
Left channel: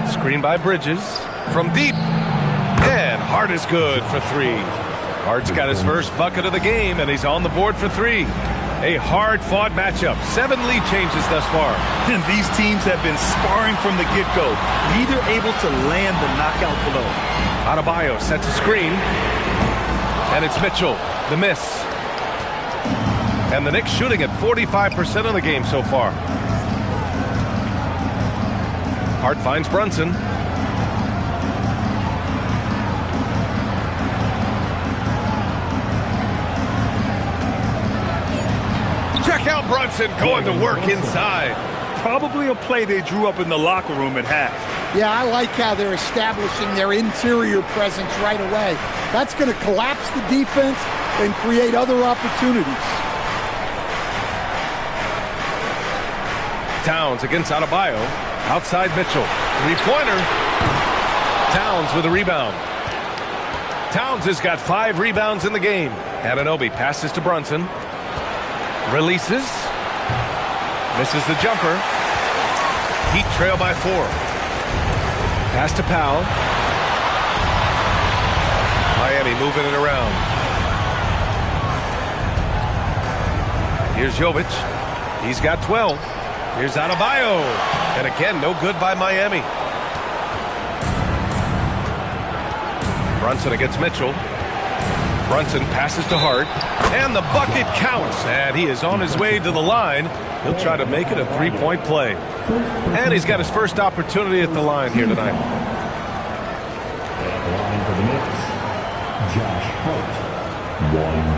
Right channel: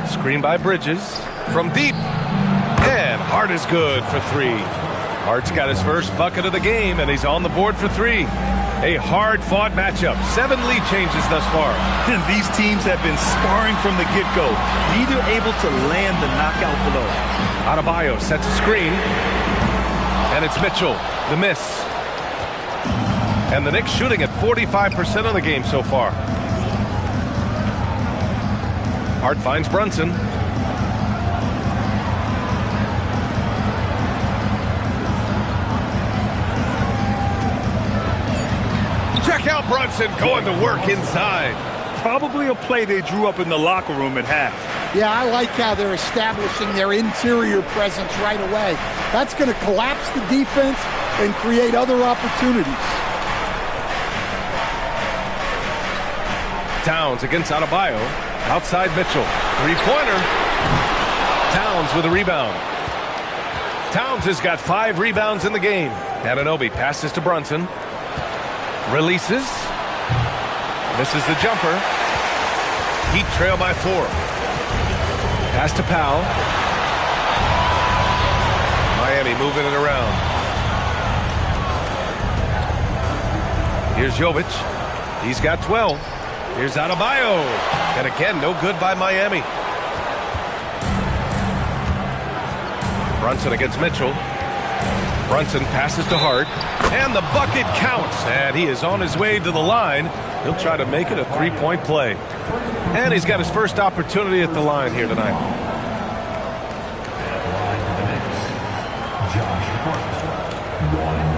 Screen by Bridges. From deep. And Hart is good for three. Hart's got his first bucket of the game, and he's on the board for three. A hard-fought matchup. 7 lead changes thus far. And these teams have been sparring from the get-go. Neither able to land the knockout blow. Adebayo sets a screen. And it's Mitchell. The miss. And the Knicks shooting at 45% of the game so far. Hart finds Brunson. Check out Brunson going to work inside. Probably a play they drew up in the locker room at half. Yeah, I like how they're establishing their interior presence right away. That's going to collapse the defense and create other opportunities. Towns against Adebayo. Outside Mitchell. Three-pointer. Towns with a rebound. Towns has got 5 rebounds in the game. Anunoby passes to Brunson. Releases. Misses the jumper. Heat trail by 4. Pass to Powell. Miami moving it around. Here's Jovic. He's got 12. Here's Adebayo. And again, no good by Miami. Brunson against Mitchell. Brunson passes to Hart. And the bucket counts. And he is on his way to the line. He'll try to make it a 3-point play. And he's got his first opportunity at the line here tonight. At the line for the Knicks, Josh Hart, 1.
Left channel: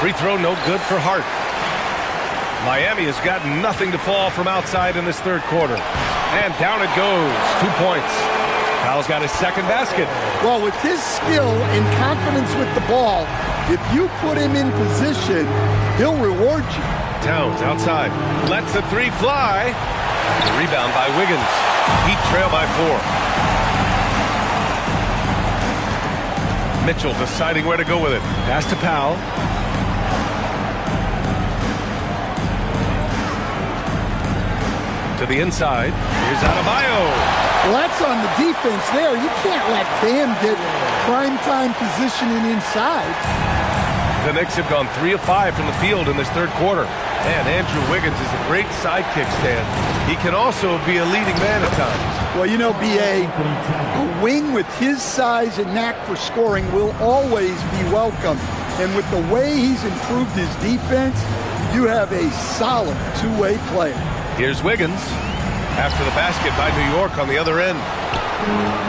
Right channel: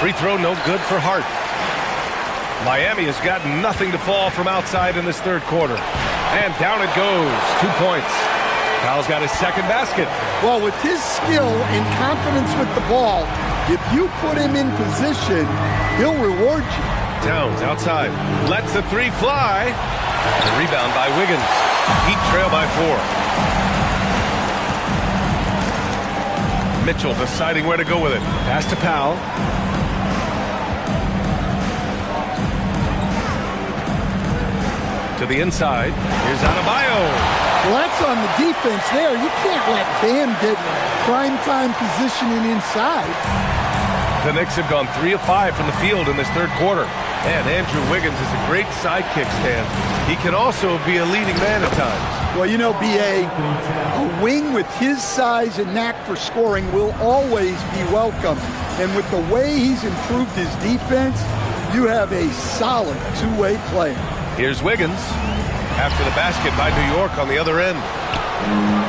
Free throw no good for Hart. Miami has got nothing to fall from outside in this third quarter. And down it goes. 2 points. Powell's got his second basket. Well, with his skill and confidence with the ball, if you put him in position, he'll reward you. Towns outside. Lets the three fly. The rebound by Wiggins. Heat trail by 4. Mitchell deciding where to go with it. Pass to Powell. To the inside. Here's Adebayo. Well, that's on the defense there. You can't let Bam get primetime positioning inside. The Knicks have gone 3 of 5 from the field in this third quarter. And Andrew Wiggins is a great sidekick, Stan. He can also be a leading man at times. Well, you know, B.A., a wing with his size and knack for scoring will always be welcome. And with the way he's improved his defense, you have a solid two-way player. Here's Wiggins after the basket by New York on the other end.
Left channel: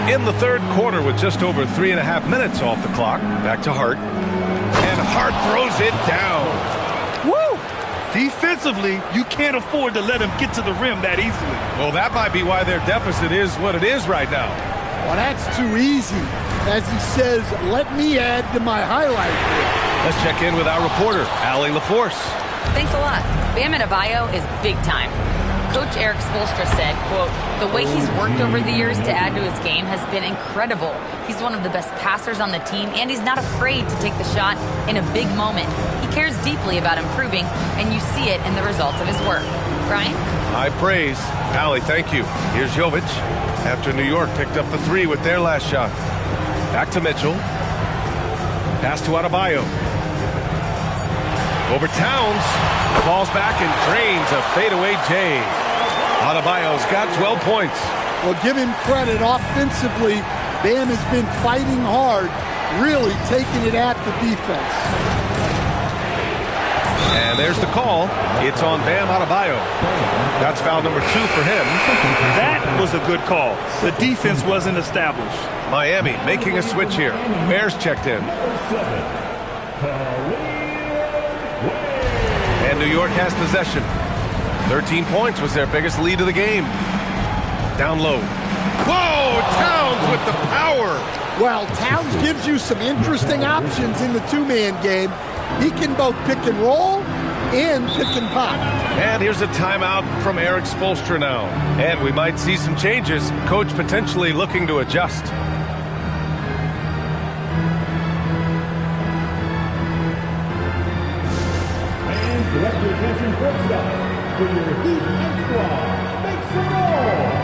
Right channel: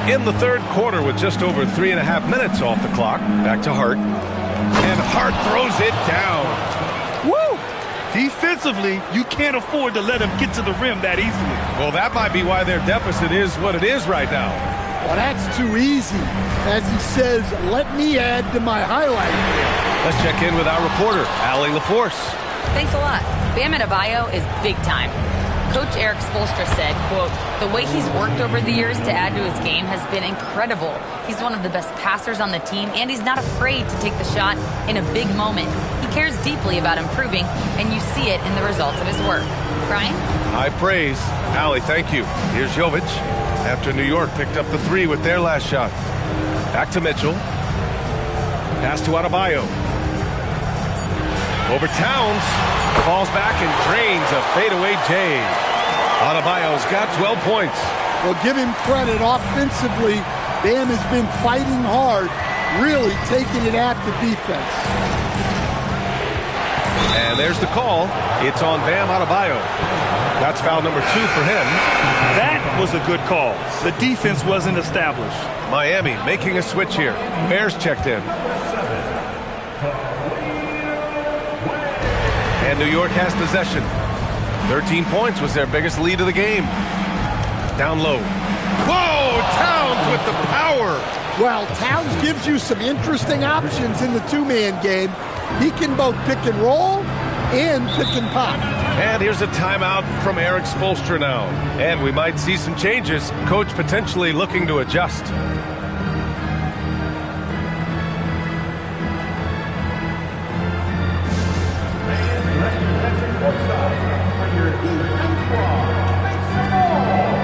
In the third quarter with just over 3.5 minutes off the clock. Back to Hart. And Hart throws it down. Woo! Defensively, you can't afford to let him get to the rim that easily. Well, that might be why their deficit is what it is right now. Well, that's too easy. As he says, let me add to my highlight reel. Let's check in with our reporter, Allie LaForce. Thanks a lot. Bam Adebayo is big time. Coach Eric Spoelstra said, quote, the way he's worked over the years to add to his game has been incredible. He's one of the best passers on the team, and he's not afraid to take the shot in a big moment. He cares deeply about improving, and you see it in the results of his work. Brian? High praise. Allie, thank you. Here's Jovic after New York picked up the 3 with their last shot. Back to Mitchell. Pass to Adebayo. Over Towns. Falls back and drains a fadeaway J. Adebayo's got 12 points. Well, give him credit. Offensively, Bam has been fighting hard, really taking it at the defense. And there's the call. It's on Bam Adebayo. That's foul number 2 for him. That was a good call. The defense wasn't established. Miami making a switch here. Bears checked in. And New York has possession. 13 points was their biggest lead of the game. Down low. Whoa! Towns with the power. Well, Towns gives you some interesting options in the two-man game. He can both pick and roll and pick and pop. And here's a timeout from Eric Spoelstra now. And we might see some changes. Coach potentially looking to adjust. And representing courtside for your Heat High Squad, make some noise!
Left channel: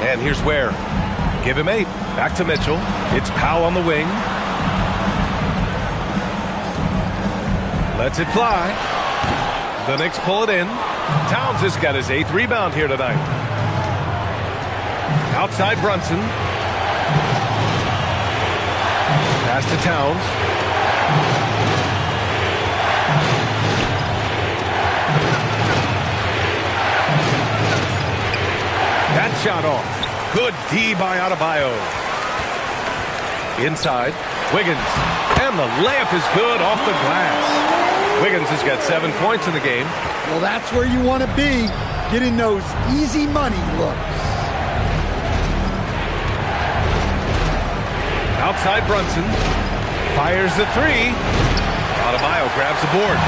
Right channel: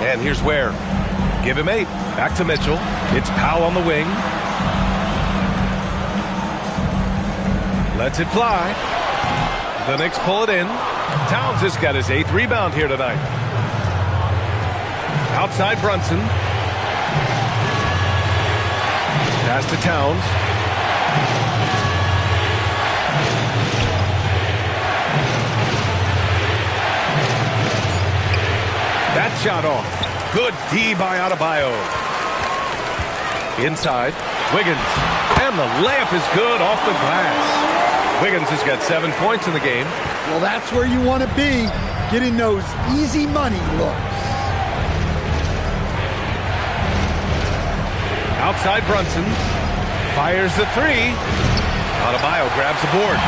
And here's Ware. Give him 8. Back to Mitchell. It's Powell on the wing. Lets it fly. The Knicks pull it in. Towns has got his 8th rebound here tonight. Outside Brunson. Pass to Towns. That shot off. Good D by Adebayo. Inside, Wiggins. And the layup is good off the glass. Wiggins has got 7 points in the game. Well, that's where you want to be, getting those easy money looks. Outside Brunson. Fires the 3. Adebayo grabs the board.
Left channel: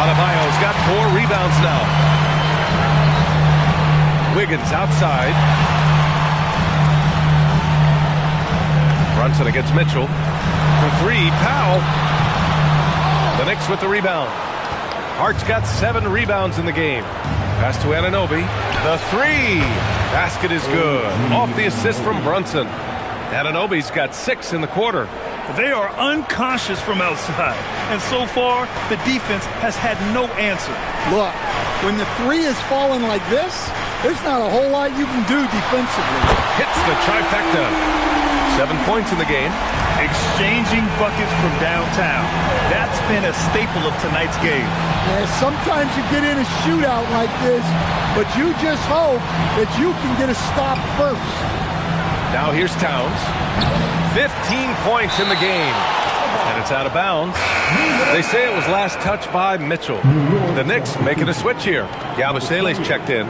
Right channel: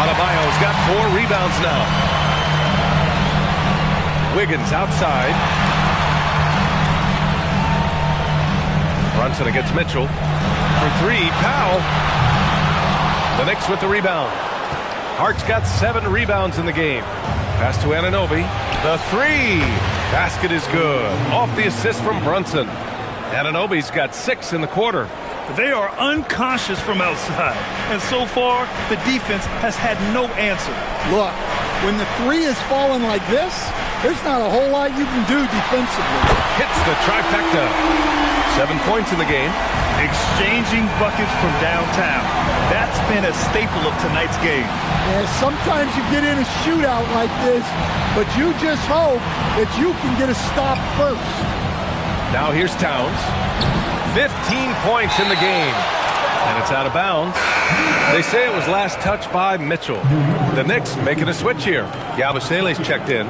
Adebayo's got 4 rebounds now. Wiggins outside. Brunson against Mitchell. For 3, Powell. The Knicks with the rebound. Hart's got 7 rebounds in the game. Pass to Anunoby. The 3. Basket is good. Off the assist from Brunson. Anunoby's got 6 in the quarter. They are unconscious from outside, and so far the defense has had no answer. Look, when the 3 is falling like this, there's not a whole lot you can do defensively. Hits the trifecta. 7 points in the game. Exchanging buckets from downtown. That's been a staple of tonight's game. Yeah, sometimes you get in a shootout like this, but you just hope that you can get a stop first. Now here's Towns. 15 points in the game. And it's out of bounds. They say it was last touched by Mitchell. The Knicks making a switch here. Yabusele's checked in.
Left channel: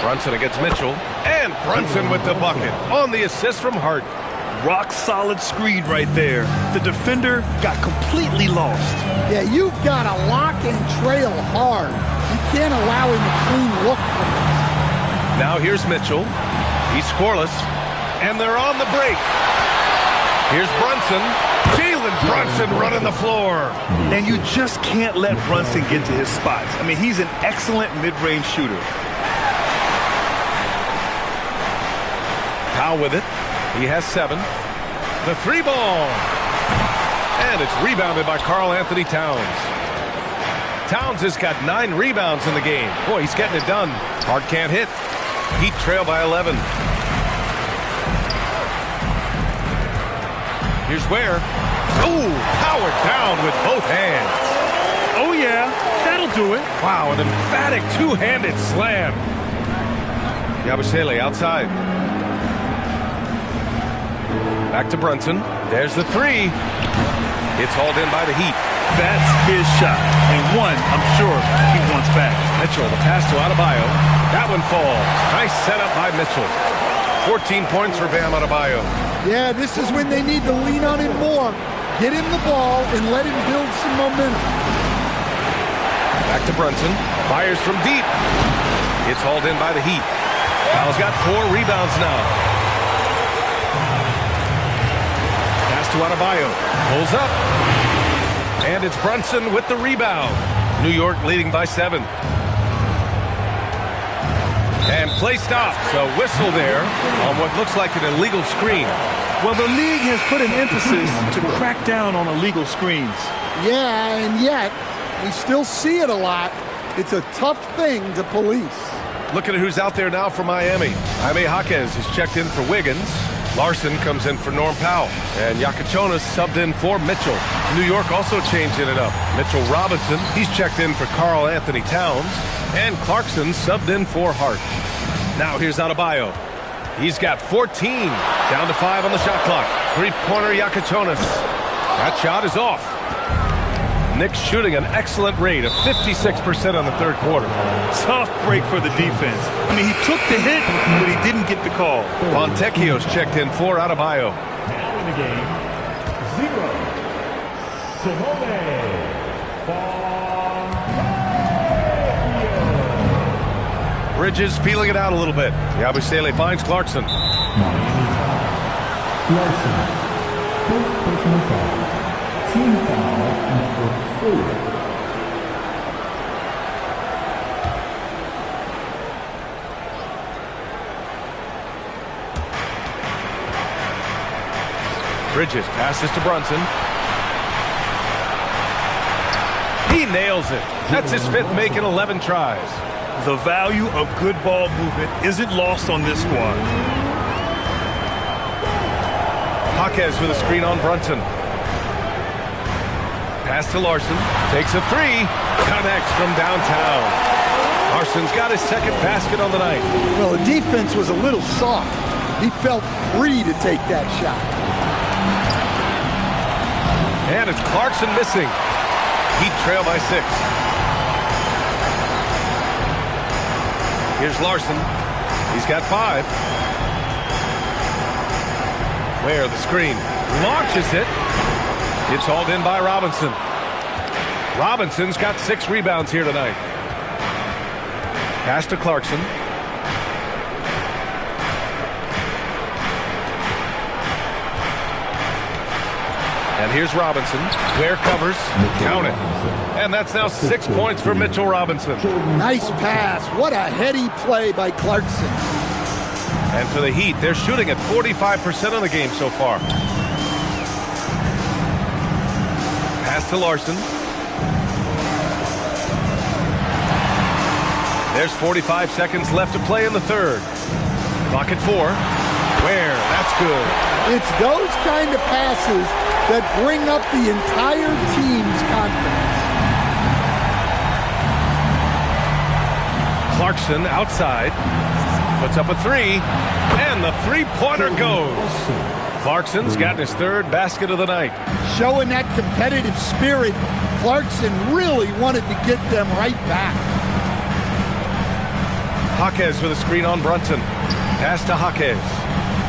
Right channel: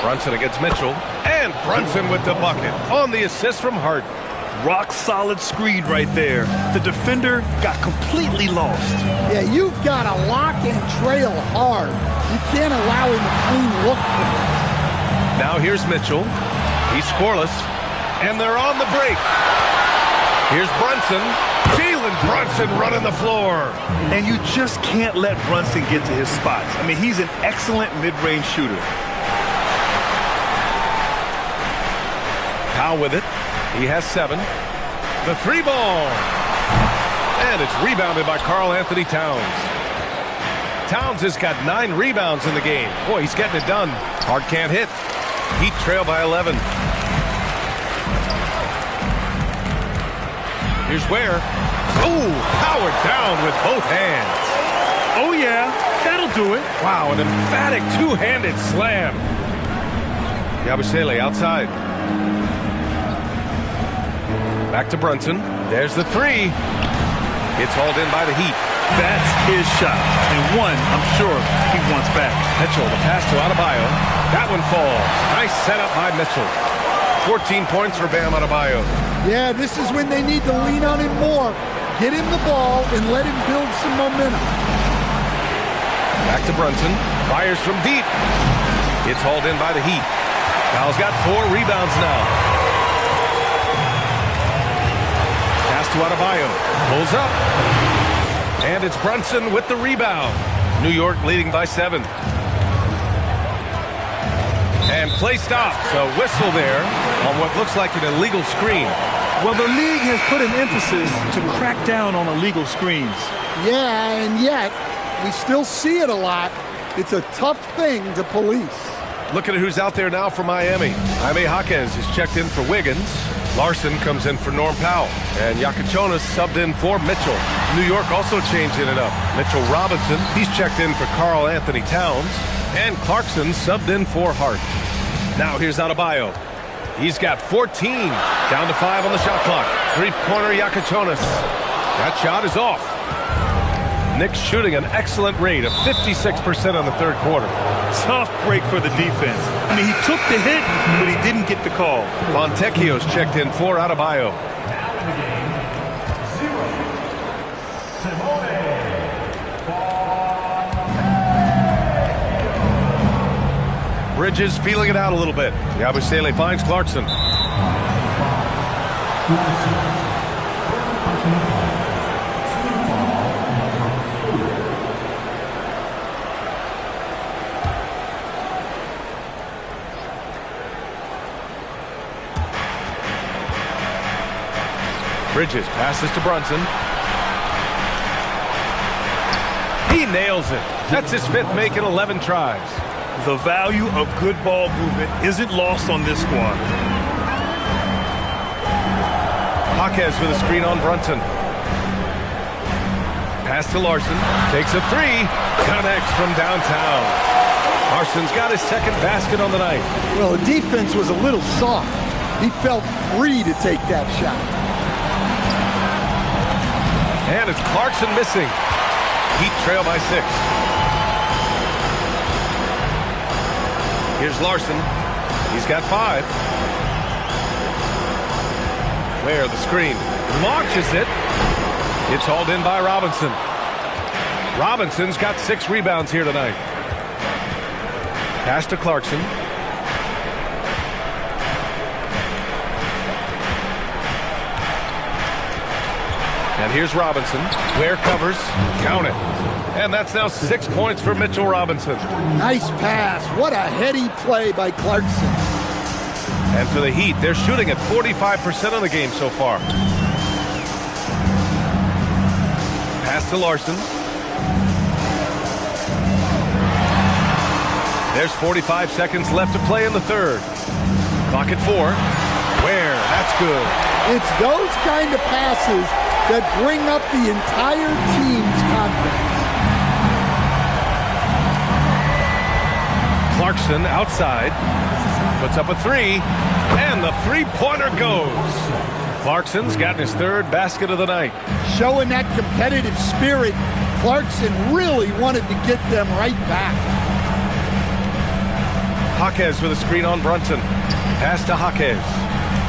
Brunson against Mitchell. And Brunson with the bucket on the assist from Hart. Rock solid screen right there. The defender got completely lost. Yeah, you've got to lock and trail hard. You can't allow him a clean look from that. Now here's Mitchell. He's scoreless. And they're on the break. Here's Brunson. Jalen Brunson running the floor. And you just can't let Brunson get to his spots. I mean, he's an excellent mid-range shooter. Powell with it. He has 7. The 3 ball. And it's rebounded by Karl Anthony Towns. Towns has got 9 rebounds in the game. Boy, he's getting it done. Hart can't hit. Heat trail by 11. Here's Ware. Oh, powered down with both hands. Oh, yeah, that'll do it. Wow, an emphatic two-handed slam. Yabusele outside. Back to Brunson. There's the 3. It's hauled in by the Heat. That's his shot. And one, I'm sure, he wants back. Mitchell, the pass to Adebayo. That one falls. Nice setup by Mitchell. 14 points for Bam Adebayo. Yeah, this is when they need to lean on him more. Get him the ball and let him build some momentum. Back to Brunson. Fires from deep. It's hauled in by the Heat. Powell's got 4 rebounds now. Pass to Adebayo. Pulls up. And it's Brunson with the rebound. New York leading by 7. And play stops. A whistle there on what looks like an illegal screen. Well, the league has put an emphasis to crack down on illegal screens. Yeah, and yet we still see it a lot. It's a tough thing to police. Looking at who's out there now for Miami. Jaime Jaquez is checked in for Wiggins. Larson comes in for Norm Powell. And Yakachonis subbed in for Mitchell. New York also changing it up. Mitchell Robinson, he's checked in for Karl Anthony Towns. And Clarkson subbed in for Hart. Now here's Adebayo. He's got 14. Down to 5 on the shot clock. Three-pointer Yakachonis. That shot is off. Knicks shooting an excellent rate of 56% on the third quarter. Tough break for the defense. I mean, he took the hit, but he didn't get the call. Fontecchio's checked in for Adebayo. Now in the game, 0. Simone Fontecchio. Bridges feeling it out a little bit. Yabusele finds Clarkson. Clarkson, first personal foul. Team foul number 4. Bridges passes to Brunson. He nails it. That's his 5th make in 11 tries. The value of good ball movement isn't lost on this squad. Jaquez with a screen on Brunson. Pass to Larson. Takes a 3. Connects from downtown. Larson's got his 2nd basket on the night. Well, the defense was a little soft. He felt free to take that shot. And it's Clarkson missing. Heat trail by 6. Here's Larson. He's got 5. Where the screen launches it. It's hauled in by Robinson. Robinson's got 6 rebounds here tonight. Pass to Clarkson. And here's Robinson. Ware covers. Count it. And that's now 6 points for Mitchell Robinson. Nice pass. What a heady play by Clarkson. And for the Heat, they're shooting at 45% of the game so far. Pass to Larson. There's 45 seconds left to play in the third. Clock at 4. Ware, that's good. It's those kind of passes that bring up the entire team's confidence. Clarkson outside. Puts up a 3. And the three-pointer goes. Clarkson's gotten his 3rd basket of the night. Showing that competitive spirit, Clarkson really wanted to get them right back. Jaquez with a screen on Brunson. Pass to Jaquez.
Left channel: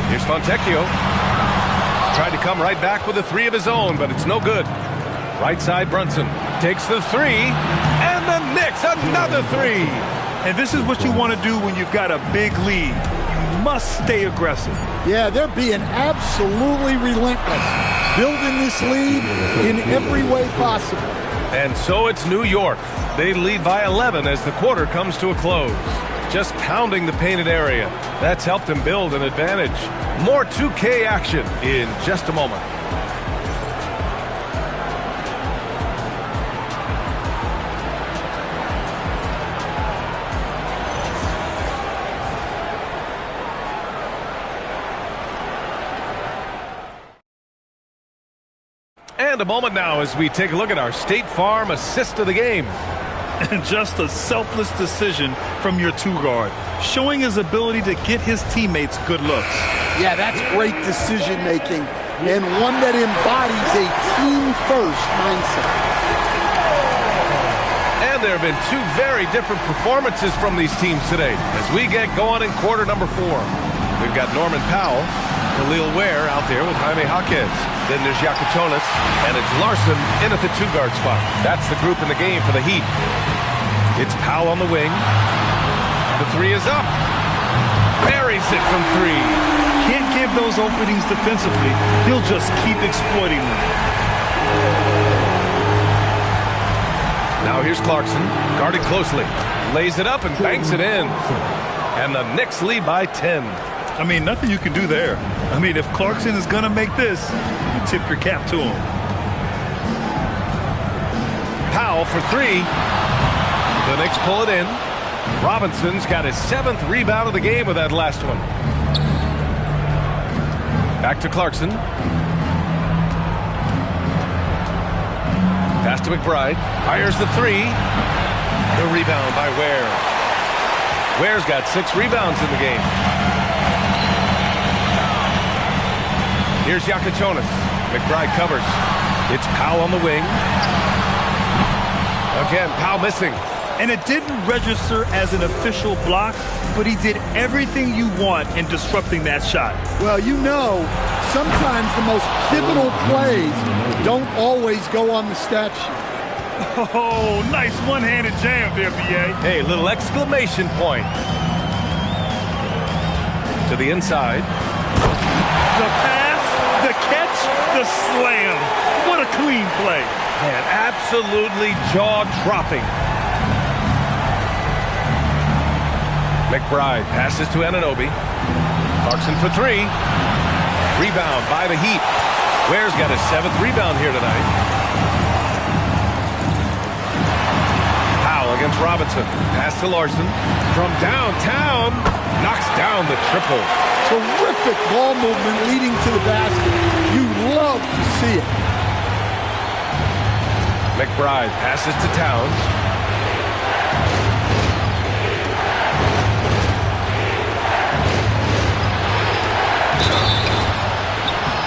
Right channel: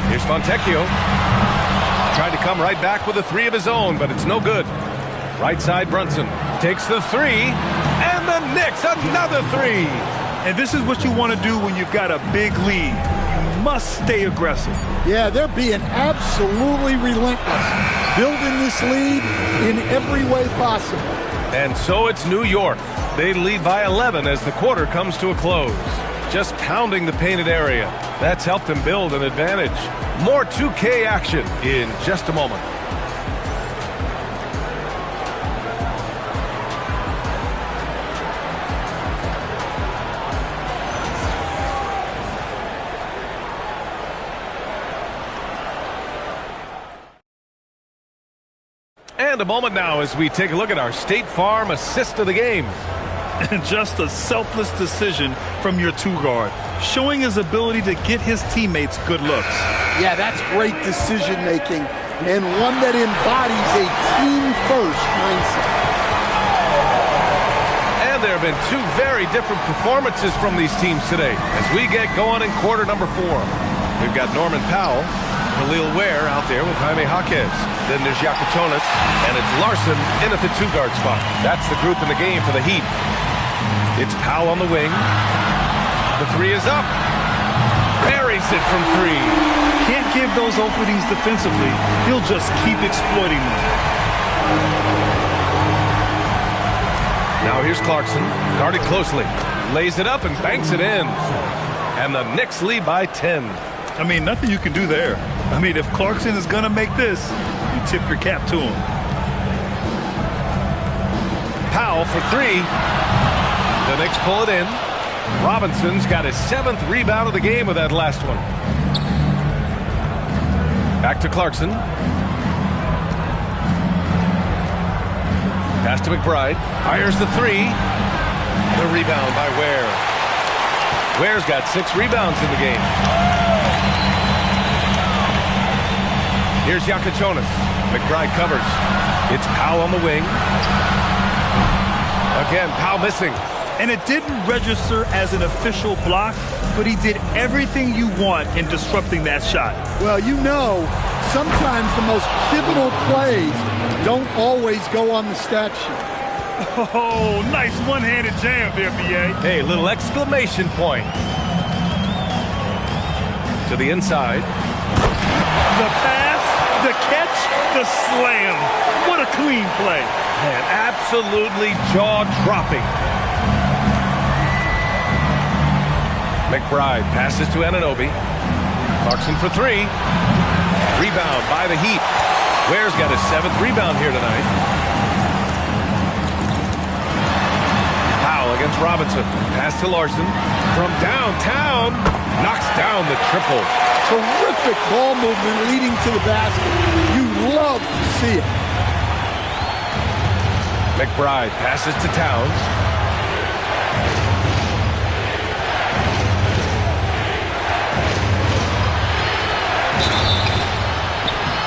Here's Fontecchio. Tried to come right back with a 3 of his own, but it's no good. Right side, Brunson takes the 3. And the Knicks, another 3. And this is what you want to do when you've got a big lead. You must stay aggressive. Yeah, they're being absolutely relentless. Building this lead in every way possible. And so it's New York. They lead by 11 as the quarter comes to a close. Just pounding the painted area. That's helped them build an advantage. More 2K action in just a moment. And a moment now as we take a look at our State Farm assist of the game. And just a selfless decision from your 2-guard, showing his ability to get his teammates good looks. Yeah, that's great decision making and one that embodies a team-first mindset. And there have been 2 very different performances from these teams today as we get going in quarter number 4. We've got Norman Powell, Khalil Ware out there with Jaime Jaquez. Then there's Yakachonis, and it's Larson in at the 2-guard spot. That's the group in the game for the Heat. It's Powell on the wing. The 3 is up. Buries it from 3. Can't give those openings defensively. He'll just keep exploiting them. Now here's Clarkson, guarded closely. Lays it up and banks it in. And the Knicks lead by 10. I mean, nothing you can do there. I mean, if Clarkson is going to make this, you tip your cap to him. Powell for 3. The Knicks pull it in. Robinson's got his 7th rebound of the game with that last one. Back to Clarkson. Pass to McBride. Fires the 3. The rebound by Ware. Ware's got 6 rebounds in the game. Here's Yakachonis. McBride covers. It's Powell on the wing. Again, Powell missing. And it didn't register as an official block, but he did everything you want in disrupting that shot. Well, you know, sometimes the most pivotal plays don't always go on the stat sheet. Oh, nice one-handed jam there, B.A. Hey, little exclamation point. To the inside. The pass, the catch, the slam. What a clean play. Man, absolutely jaw-dropping. McBride passes to Anunoby. Clarkson for 3. Rebound by the Heat. Ware's got his 7th rebound here tonight. Powell against Robinson. Pass to Larson. From downtown. Knocks down the triple. Terrific ball movement leading to the basket. You love to see it. McBride passes to Towns.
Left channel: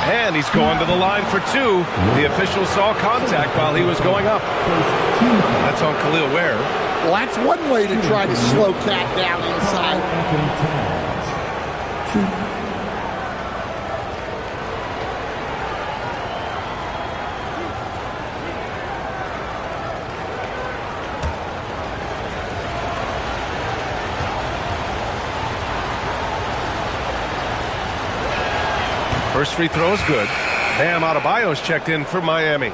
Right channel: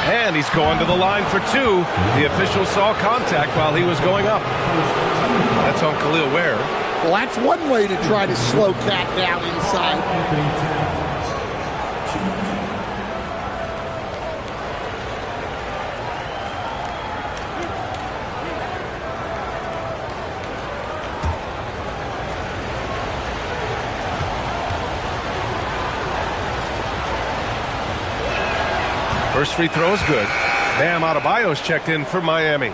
And he's going to the line for 2. The official saw contact while he was going up. That's on Khalil Ware. Well, that's one way to try to slow Cat down inside. First free throw is good. Bam Adebayo's checked in for Miami.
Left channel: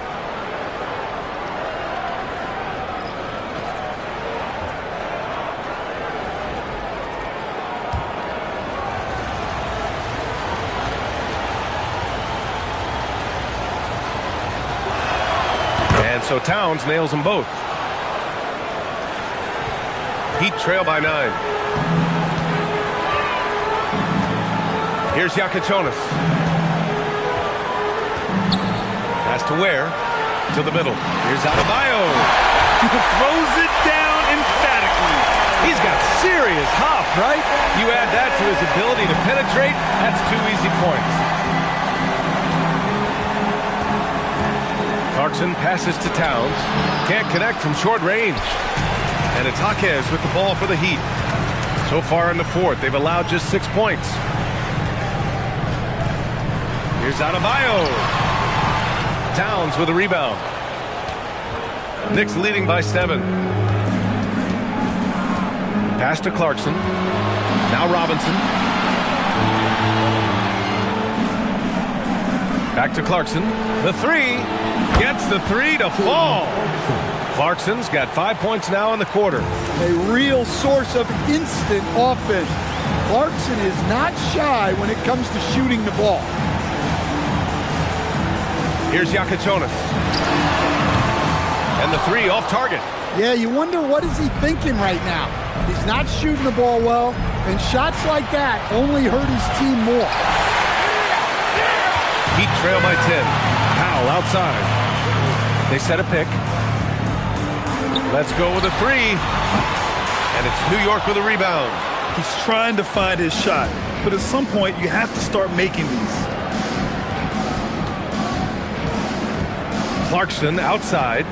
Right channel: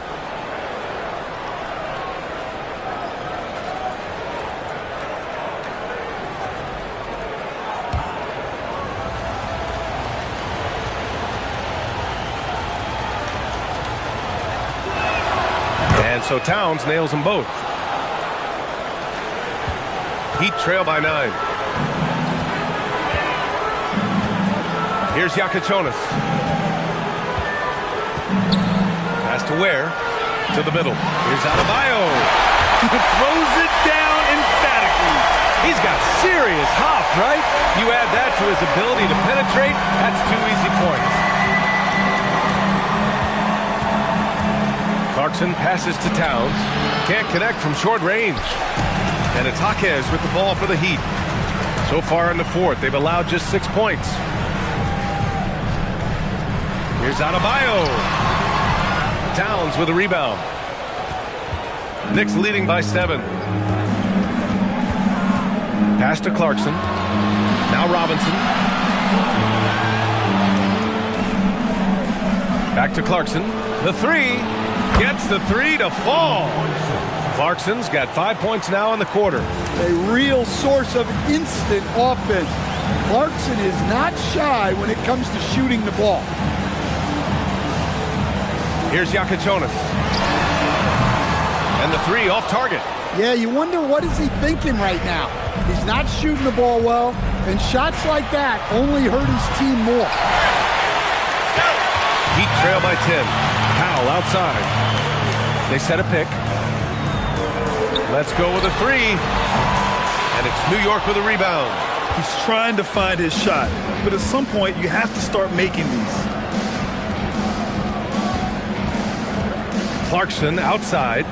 And so Towns nails them both. Heat trail by 9. Here's Yakachonis. Pass to Ware. To the middle. Here's Adebayo. Throws it down emphatically. He's got serious hop, right? You add that to his ability to penetrate, that's 2 easy points. Clarkson passes to Towns. Can't connect from short range. And it's Jaquez with the ball for the Heat. So far in the 4th, they've allowed just 6 points. Here's Adebayo. Towns with a rebound. Knicks leading by 7. Pass to Clarkson. Now Robinson. Back to Clarkson. The 3. Gets the 3 to fall. Clarkson's got 5 points now in the quarter. A real source of instant offense. Clarkson is not shy when it comes to shooting the ball. Here's Yakachonis. And the 3 off target. Yeah, you wonder what is he thinking right now. He's not shooting the ball well, and shots like that only hurt his team more. Heat trail by 10. Powell outside. They set a pick. Let's go with a 3. And it's New York with a rebound. He's trying to find his shot, but at some point you have to start making these. Clarkson outside.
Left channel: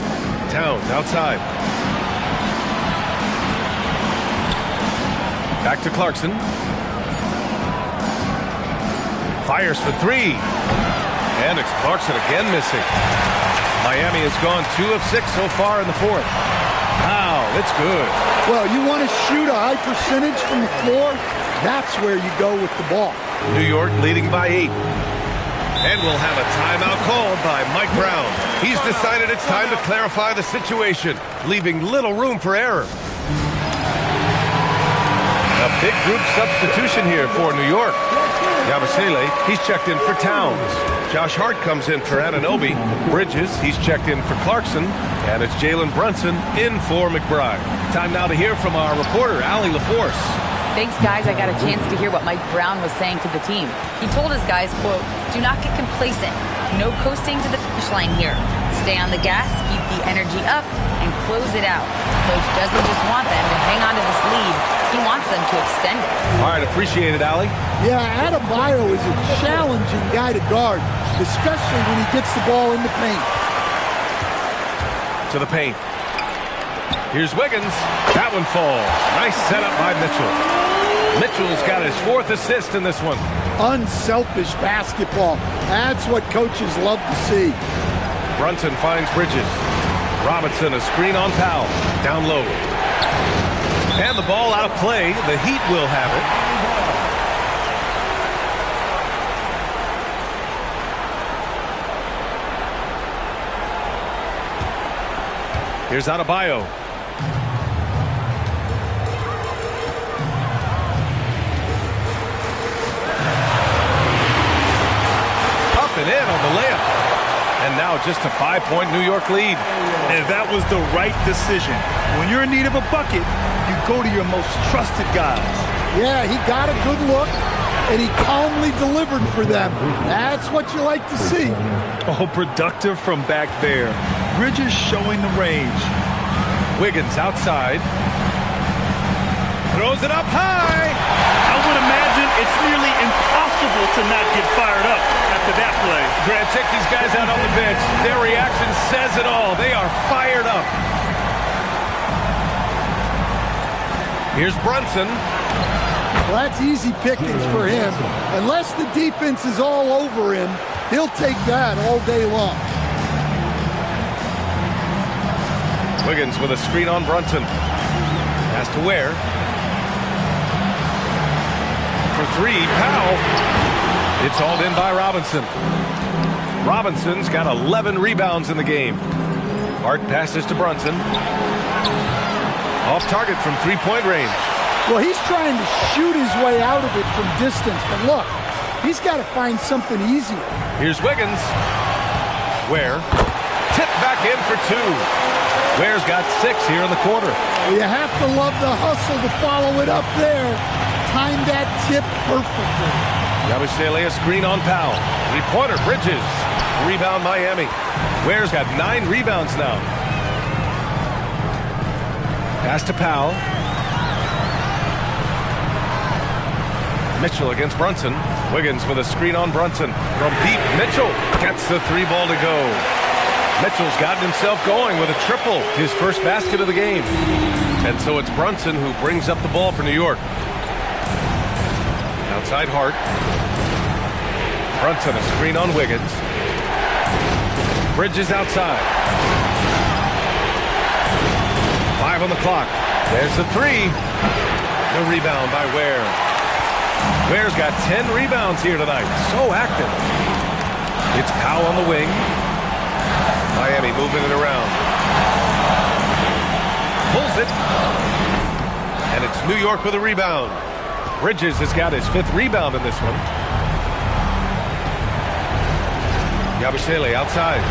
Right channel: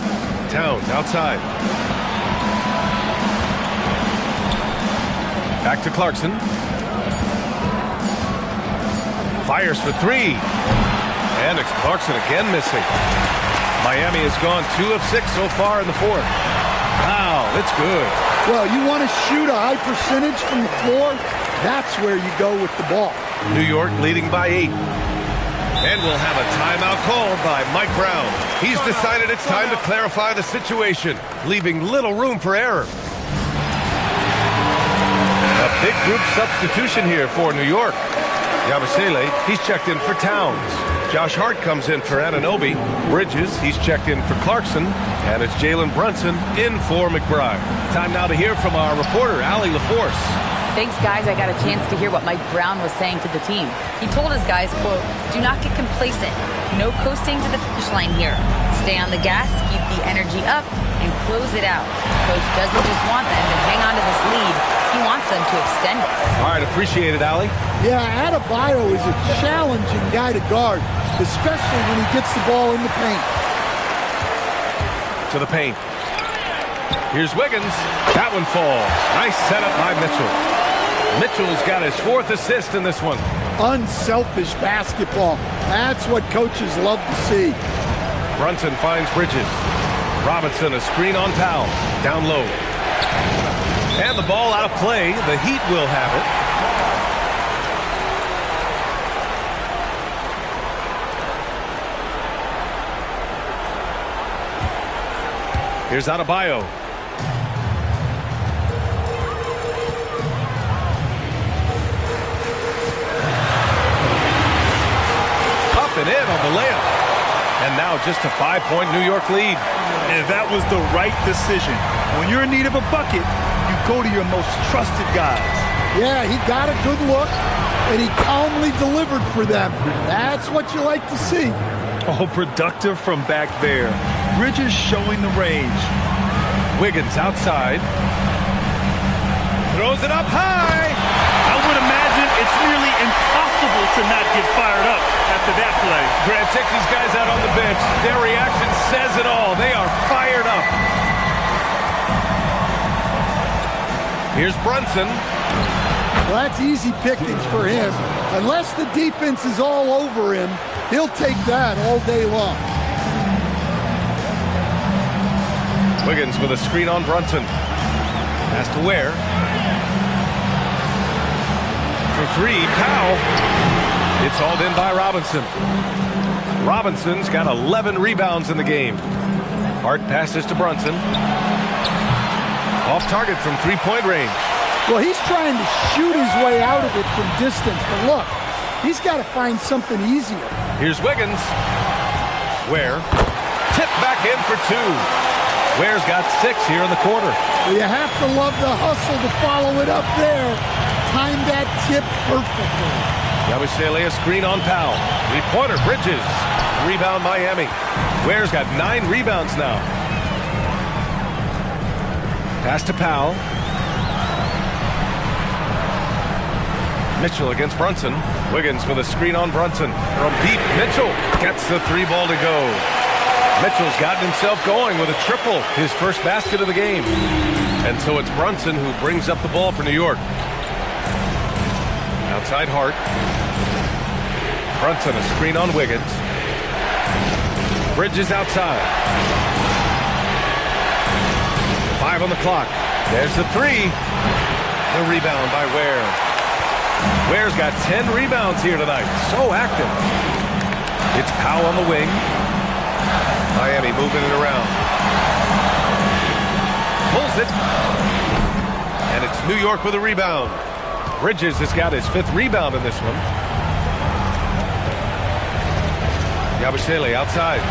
Towns outside. Back to Clarkson. Fires for 3. And it's Clarkson again missing. Miami has gone 2 of 6 so far in the 4th. Wow, it's good. Well, you want to shoot a high percentage from the floor? That's where you go with the ball. New York leading by 8. And we'll have a timeout called by Mike Brown. He's decided it's time to clarify the situation, leaving little room for error. A big group substitution here for New York. Yabusele, he's checked in for Towns. Josh Hart comes in for Anunoby. Bridges, he's checked in for Clarkson. And it's Jalen Brunson in for McBride. Time now to hear from our reporter, Allie LaForce. Thanks, guys. I got a chance to hear what Mike Brown was saying to the team. He told his guys, quote, "Do not get complacent. No coasting to the finish line here. Stay on the gas, keep the energy up, and close it out." Coach doesn't just want them to hang on to this lead. He wants them to extend it. All right, appreciate it, Allie. Yeah, Adebayo is a challenging guy to guard, especially when he gets the ball in the paint. To the paint. Here's Wiggins. That one falls. Nice setup by Mitchell. Mitchell's got his 4th assist in this one. Unselfish basketball. That's what coaches love to see. Brunson finds Bridges. Robinson, a screen on Powell. Down low. And the ball out of play. The Heat will have it. Here's Adebayo. Up and in on the layup. And now just a 5-point New York lead. And that was the right decision. When you're in need of a bucket, you go to your most trusted guys. Yeah, he got a good look, and he calmly delivered for them. That's what you like to see. Oh, productive from back there. Bridges showing the range. Wiggins outside. Throws it up high. I would imagine it's nearly impossible to not get fired up after that play. Grant, check these guys out on the bench. Their reaction says it all. They are fired up. Here's Brunson. Well, that's easy pickings for him. Unless the defense is all over him, he'll take that all day long. Wiggins with a screen on Brunson. Has to Ware. For 3, Powell. It's hauled in by Robinson. Robinson's got 11 rebounds in the game. Hart passes to Brunson. Off target from 3-point range. Well, he's trying to shoot his way out of it from distance, but look, he's got to find something easier. Here's Wiggins. Ware. Tip back in for 2. Ware's got 6 here in the quarter. Well, you have to love the hustle to follow it up there. Timed that tip perfectly. Yabusele, a screen on Powell. 3-pointer, Bridges. Rebound, Miami. Ware's got 9 rebounds now. Pass to Powell. Mitchell against Brunson. Wiggins with a screen on Brunson. From deep, Mitchell gets the 3-ball to go. Mitchell's gotten himself going with a triple, his first basket of the game. And so it's Brunson who brings up the ball for New York. Outside Hart. Brunson, a screen on Wiggins. Bridges outside. 5 on the clock. There's the 3. The rebound by Ware. Ware's got 10 rebounds here tonight. So active. It's Powell on the wing. Miami moving it around. Pulls it. And it's New York with a rebound. Bridges has got his 5th rebound in this one. Yabusele outside.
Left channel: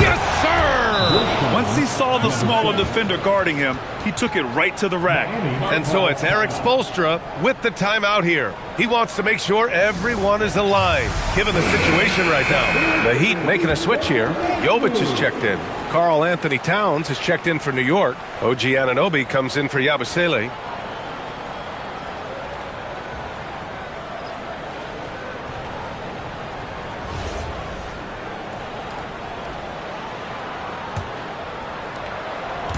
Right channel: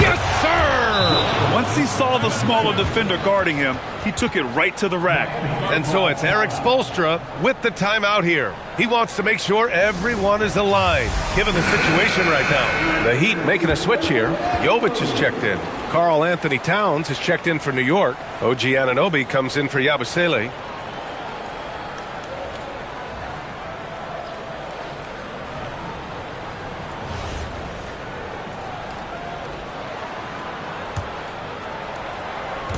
Yes, sir! Once he saw the smaller defender guarding him, he took it right to the rack. And so it's Eric Spoelstra with the timeout here. He wants to make sure everyone is aligned, given the situation right now. The Heat making a switch here. Jovic is checked in. Karl Anthony Towns is checked in for New York. OG Anunoby comes in for Yabusele.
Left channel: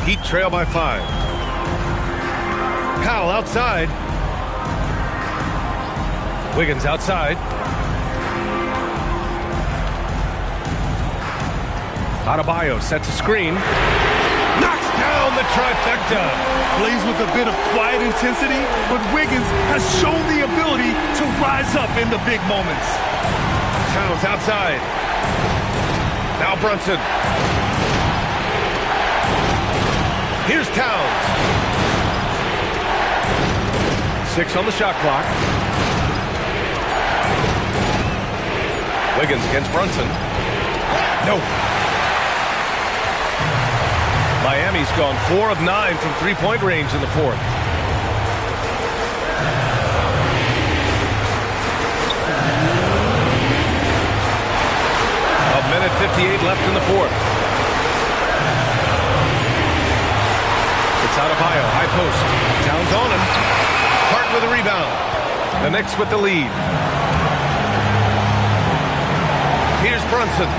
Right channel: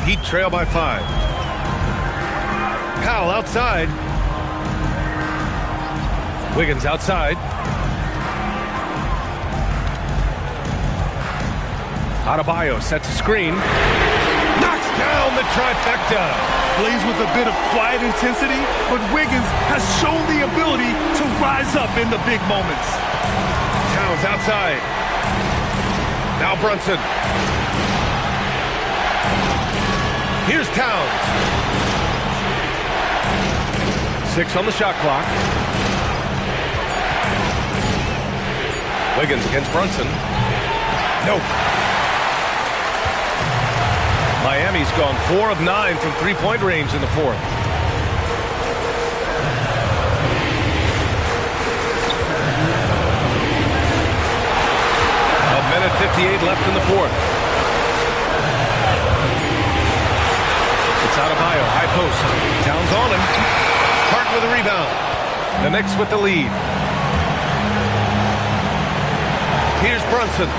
Heat trail by 5. Powell outside. Wiggins outside. Adebayo sets a screen. Knocks down the trifecta. Plays with a bit of quiet intensity, but Wiggins has shown the ability to rise up in the big moments. Towns outside. Now Brunson. Here's Towns. 6 on the shot clock. Wiggins against Brunson. No. Miami's gone 4 of 9 from three-point range in the fourth. A minute 58 left in the fourth. It's Adebayo, high post. Towns on him. Hart with a rebound. The Knicks with the lead. Here's Brunson.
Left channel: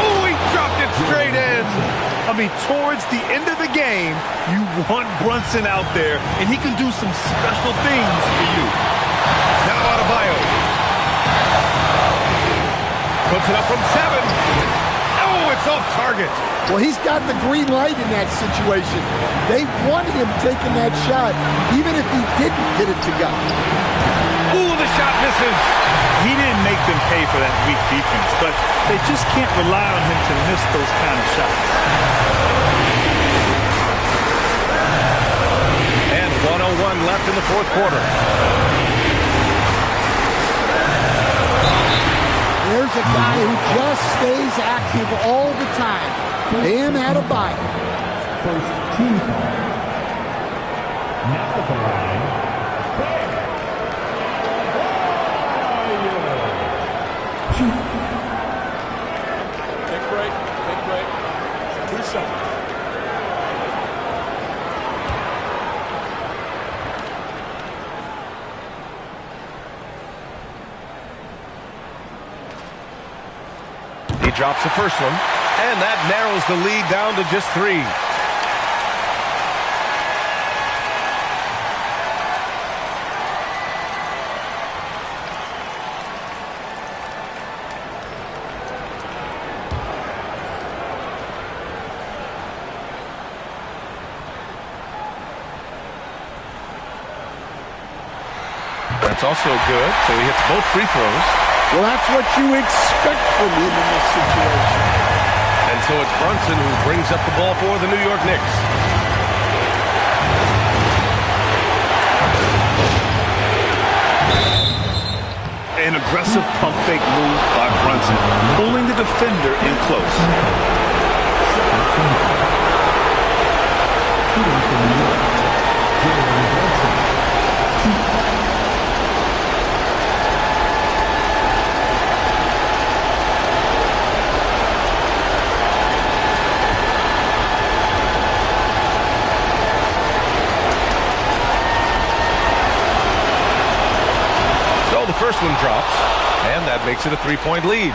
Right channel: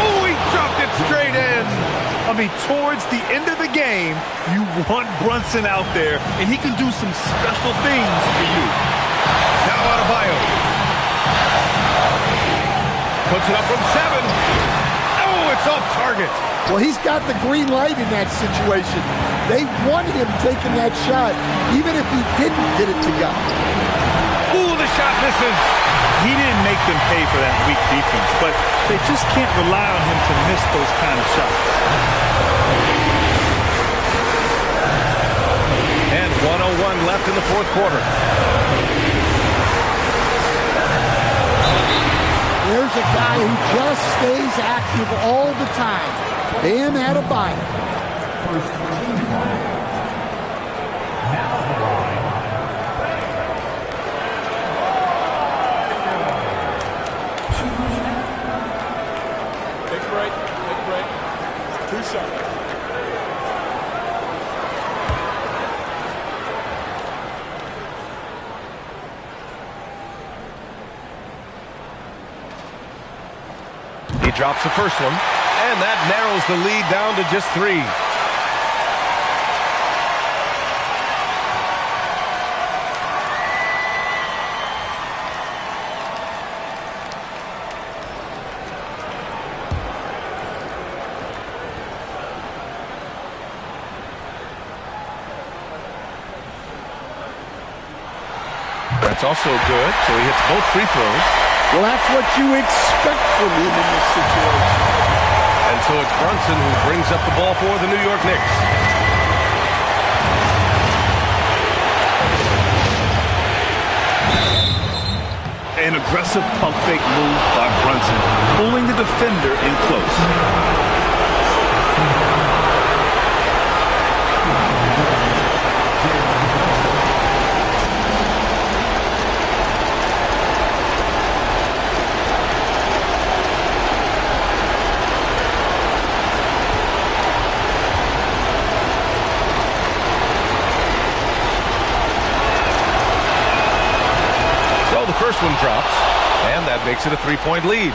Oh, he dropped it straight in. I mean, towards the end of the game, you want Brunson out there, and he can do some special things for you. Now Adebayo. Puts it up from 7. Oh, it's off target. Well, he's got the green light in that situation. They want him taking that shot, even if he didn't get it to go. Ooh, the shot misses. He didn't make them pay for that weak defense, but they just can't rely on him to miss those kind of shots. And 1:01 left in the fourth quarter. There's a guy who just stays active all the time. Bam Adebayo. First team foul. Now at the line. Take a break. Take a break. 2 shots. He drops the first one, and that narrows the lead down to just 3. That's also good, so he hits both free throws. Well, that's what you expect from him in this situation. And so it's Brunson who brings up the ball for the New York Knicks. An aggressive pump fake move by Brunson, pulling the defender in close. So the first one drops, and that makes it a 3-point lead.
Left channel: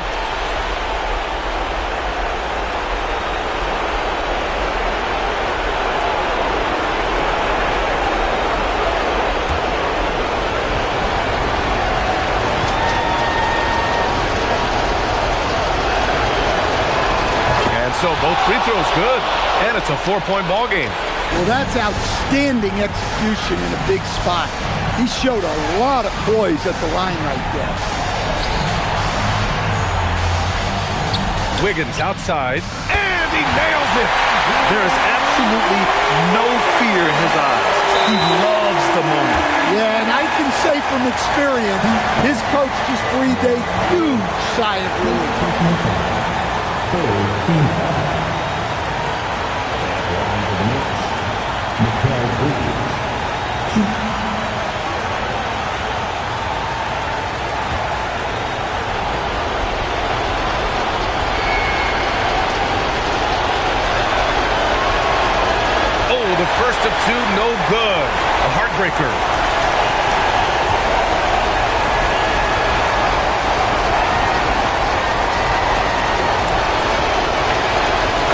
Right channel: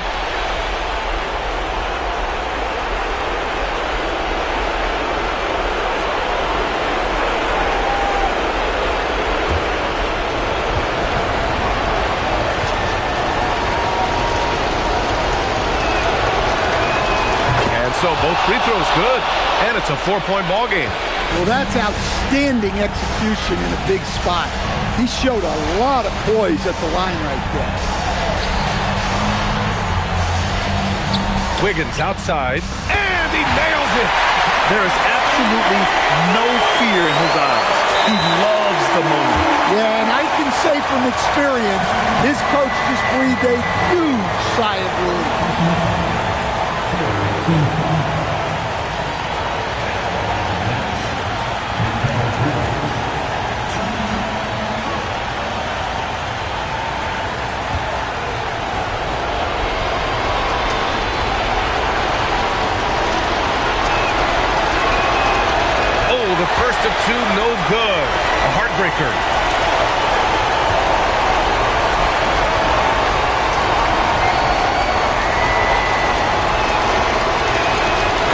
And so both free throws good, and it's a 4-point ball game. Well, that's outstanding execution in a big spot. He showed a lot of poise at the line right there. Wiggins outside, and he nails it. There is absolutely no fear in his eyes. He loves the moment. Yeah, and I can say from experience, his coach just breathed a huge sigh of relief. Oh, the first of 2, no good. A heartbreaker.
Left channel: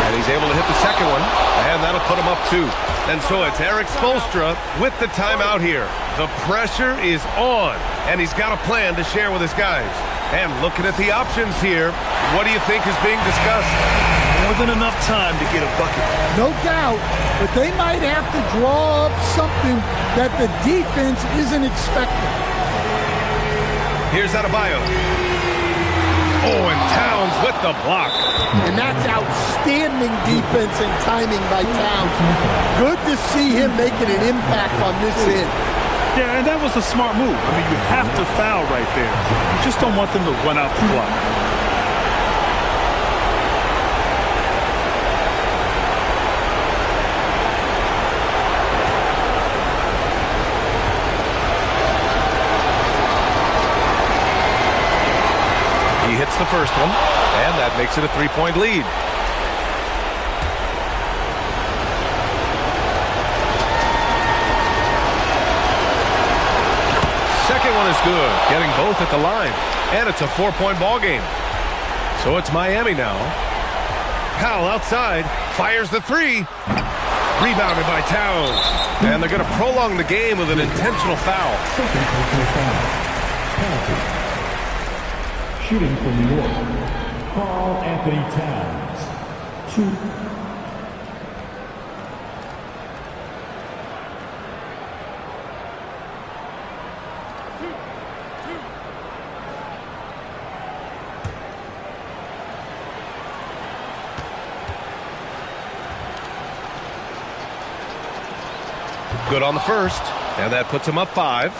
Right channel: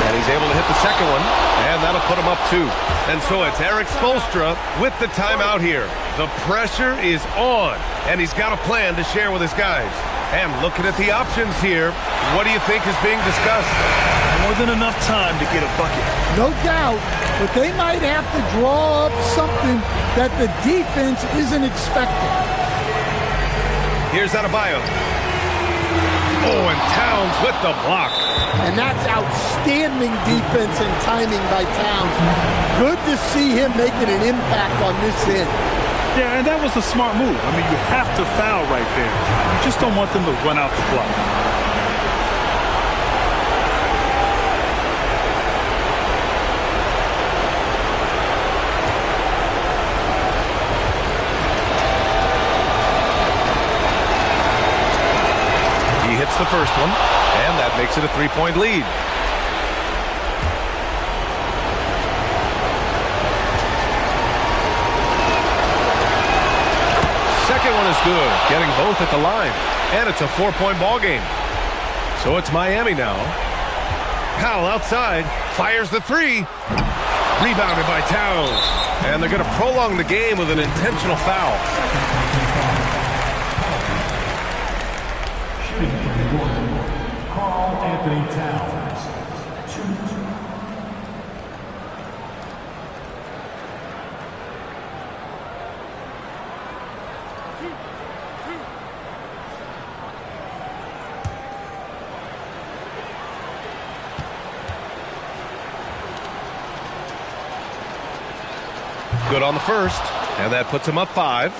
And he's able to hit the second one, and that'll put him up 2. And so it's Eric Spoelstra with the timeout here. The pressure is on, and he's got a plan to share with his guys. And looking at the options here, what do you think is being discussed? More than enough time to get a bucket. No doubt, but they might have to draw up something that the defense isn't expecting. Here's Adebayo. Oh, and Towns with the block. And that's outstanding defense and timing by Towns. Good to see him making an impact on this end. Yeah, and that was a smart move. I mean, you have to foul right there. You just don't want them to run out the clock. He hits the first one, and that makes it a 3-point lead. Second one is good, getting both at the line, and it's a 4-point ball game. So it's Miami now. Powell outside, fires the three. Rebounded by Towns. And they're going to prolong the game with an intentional foul. Shooting from New York, Karl Anthony Towns. 2. Good on the first, and that puts him up 5.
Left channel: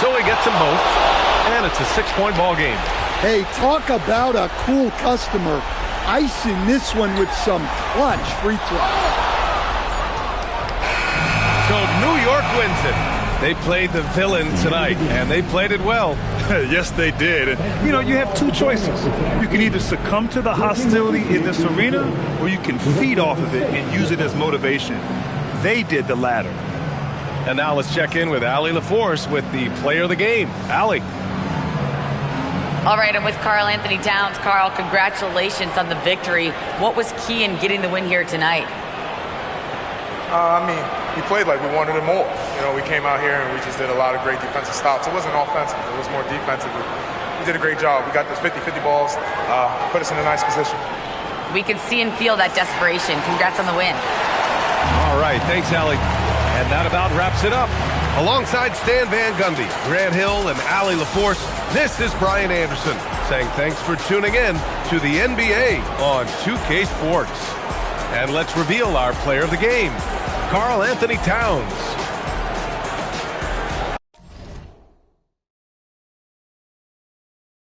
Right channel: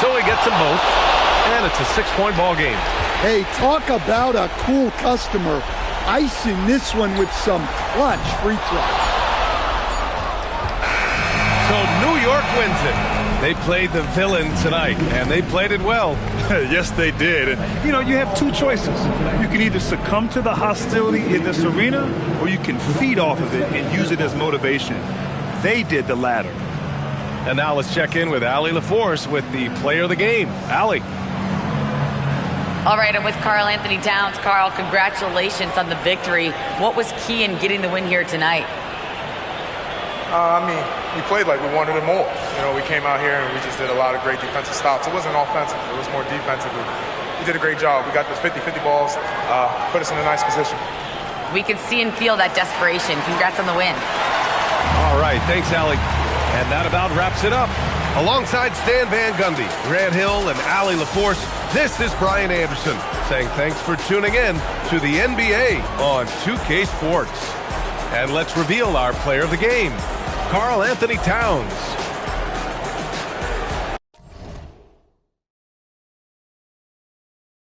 So he gets them both, and it's a 6-point ball game. Hey, talk about a cool customer. Icing this one with some clutch free throws. So New York wins it. They played the villain tonight, and they played it well. Yes, they did. And, you know, you have two choices. You can either succumb to the hostility in this arena, or you can feed off of it and use it as motivation. They did the latter. And now let's check in with Allie LaForce with the player of the game. Allie. All right, I'm with Karl Anthony Towns. Karl, congratulations on the victory. What was key in getting the win here tonight? I mean, we played like we wanted it more. You know, we came out here and we just did a lot of great defensive stops. It wasn't offensive. It was more defensive. We did a great job. We got those 50-50 balls, put us in a nice position. We can see and feel that desperation. Congrats on the win. All right, thanks, Allie. And that about wraps it up. Alongside Stan Van Gundy, Grant Hill, and Allie LaForce, this is Brian Anderson saying thanks for tuning in to the NBA on 2K Sports. And let's reveal our player of the game, Karl Anthony Towns.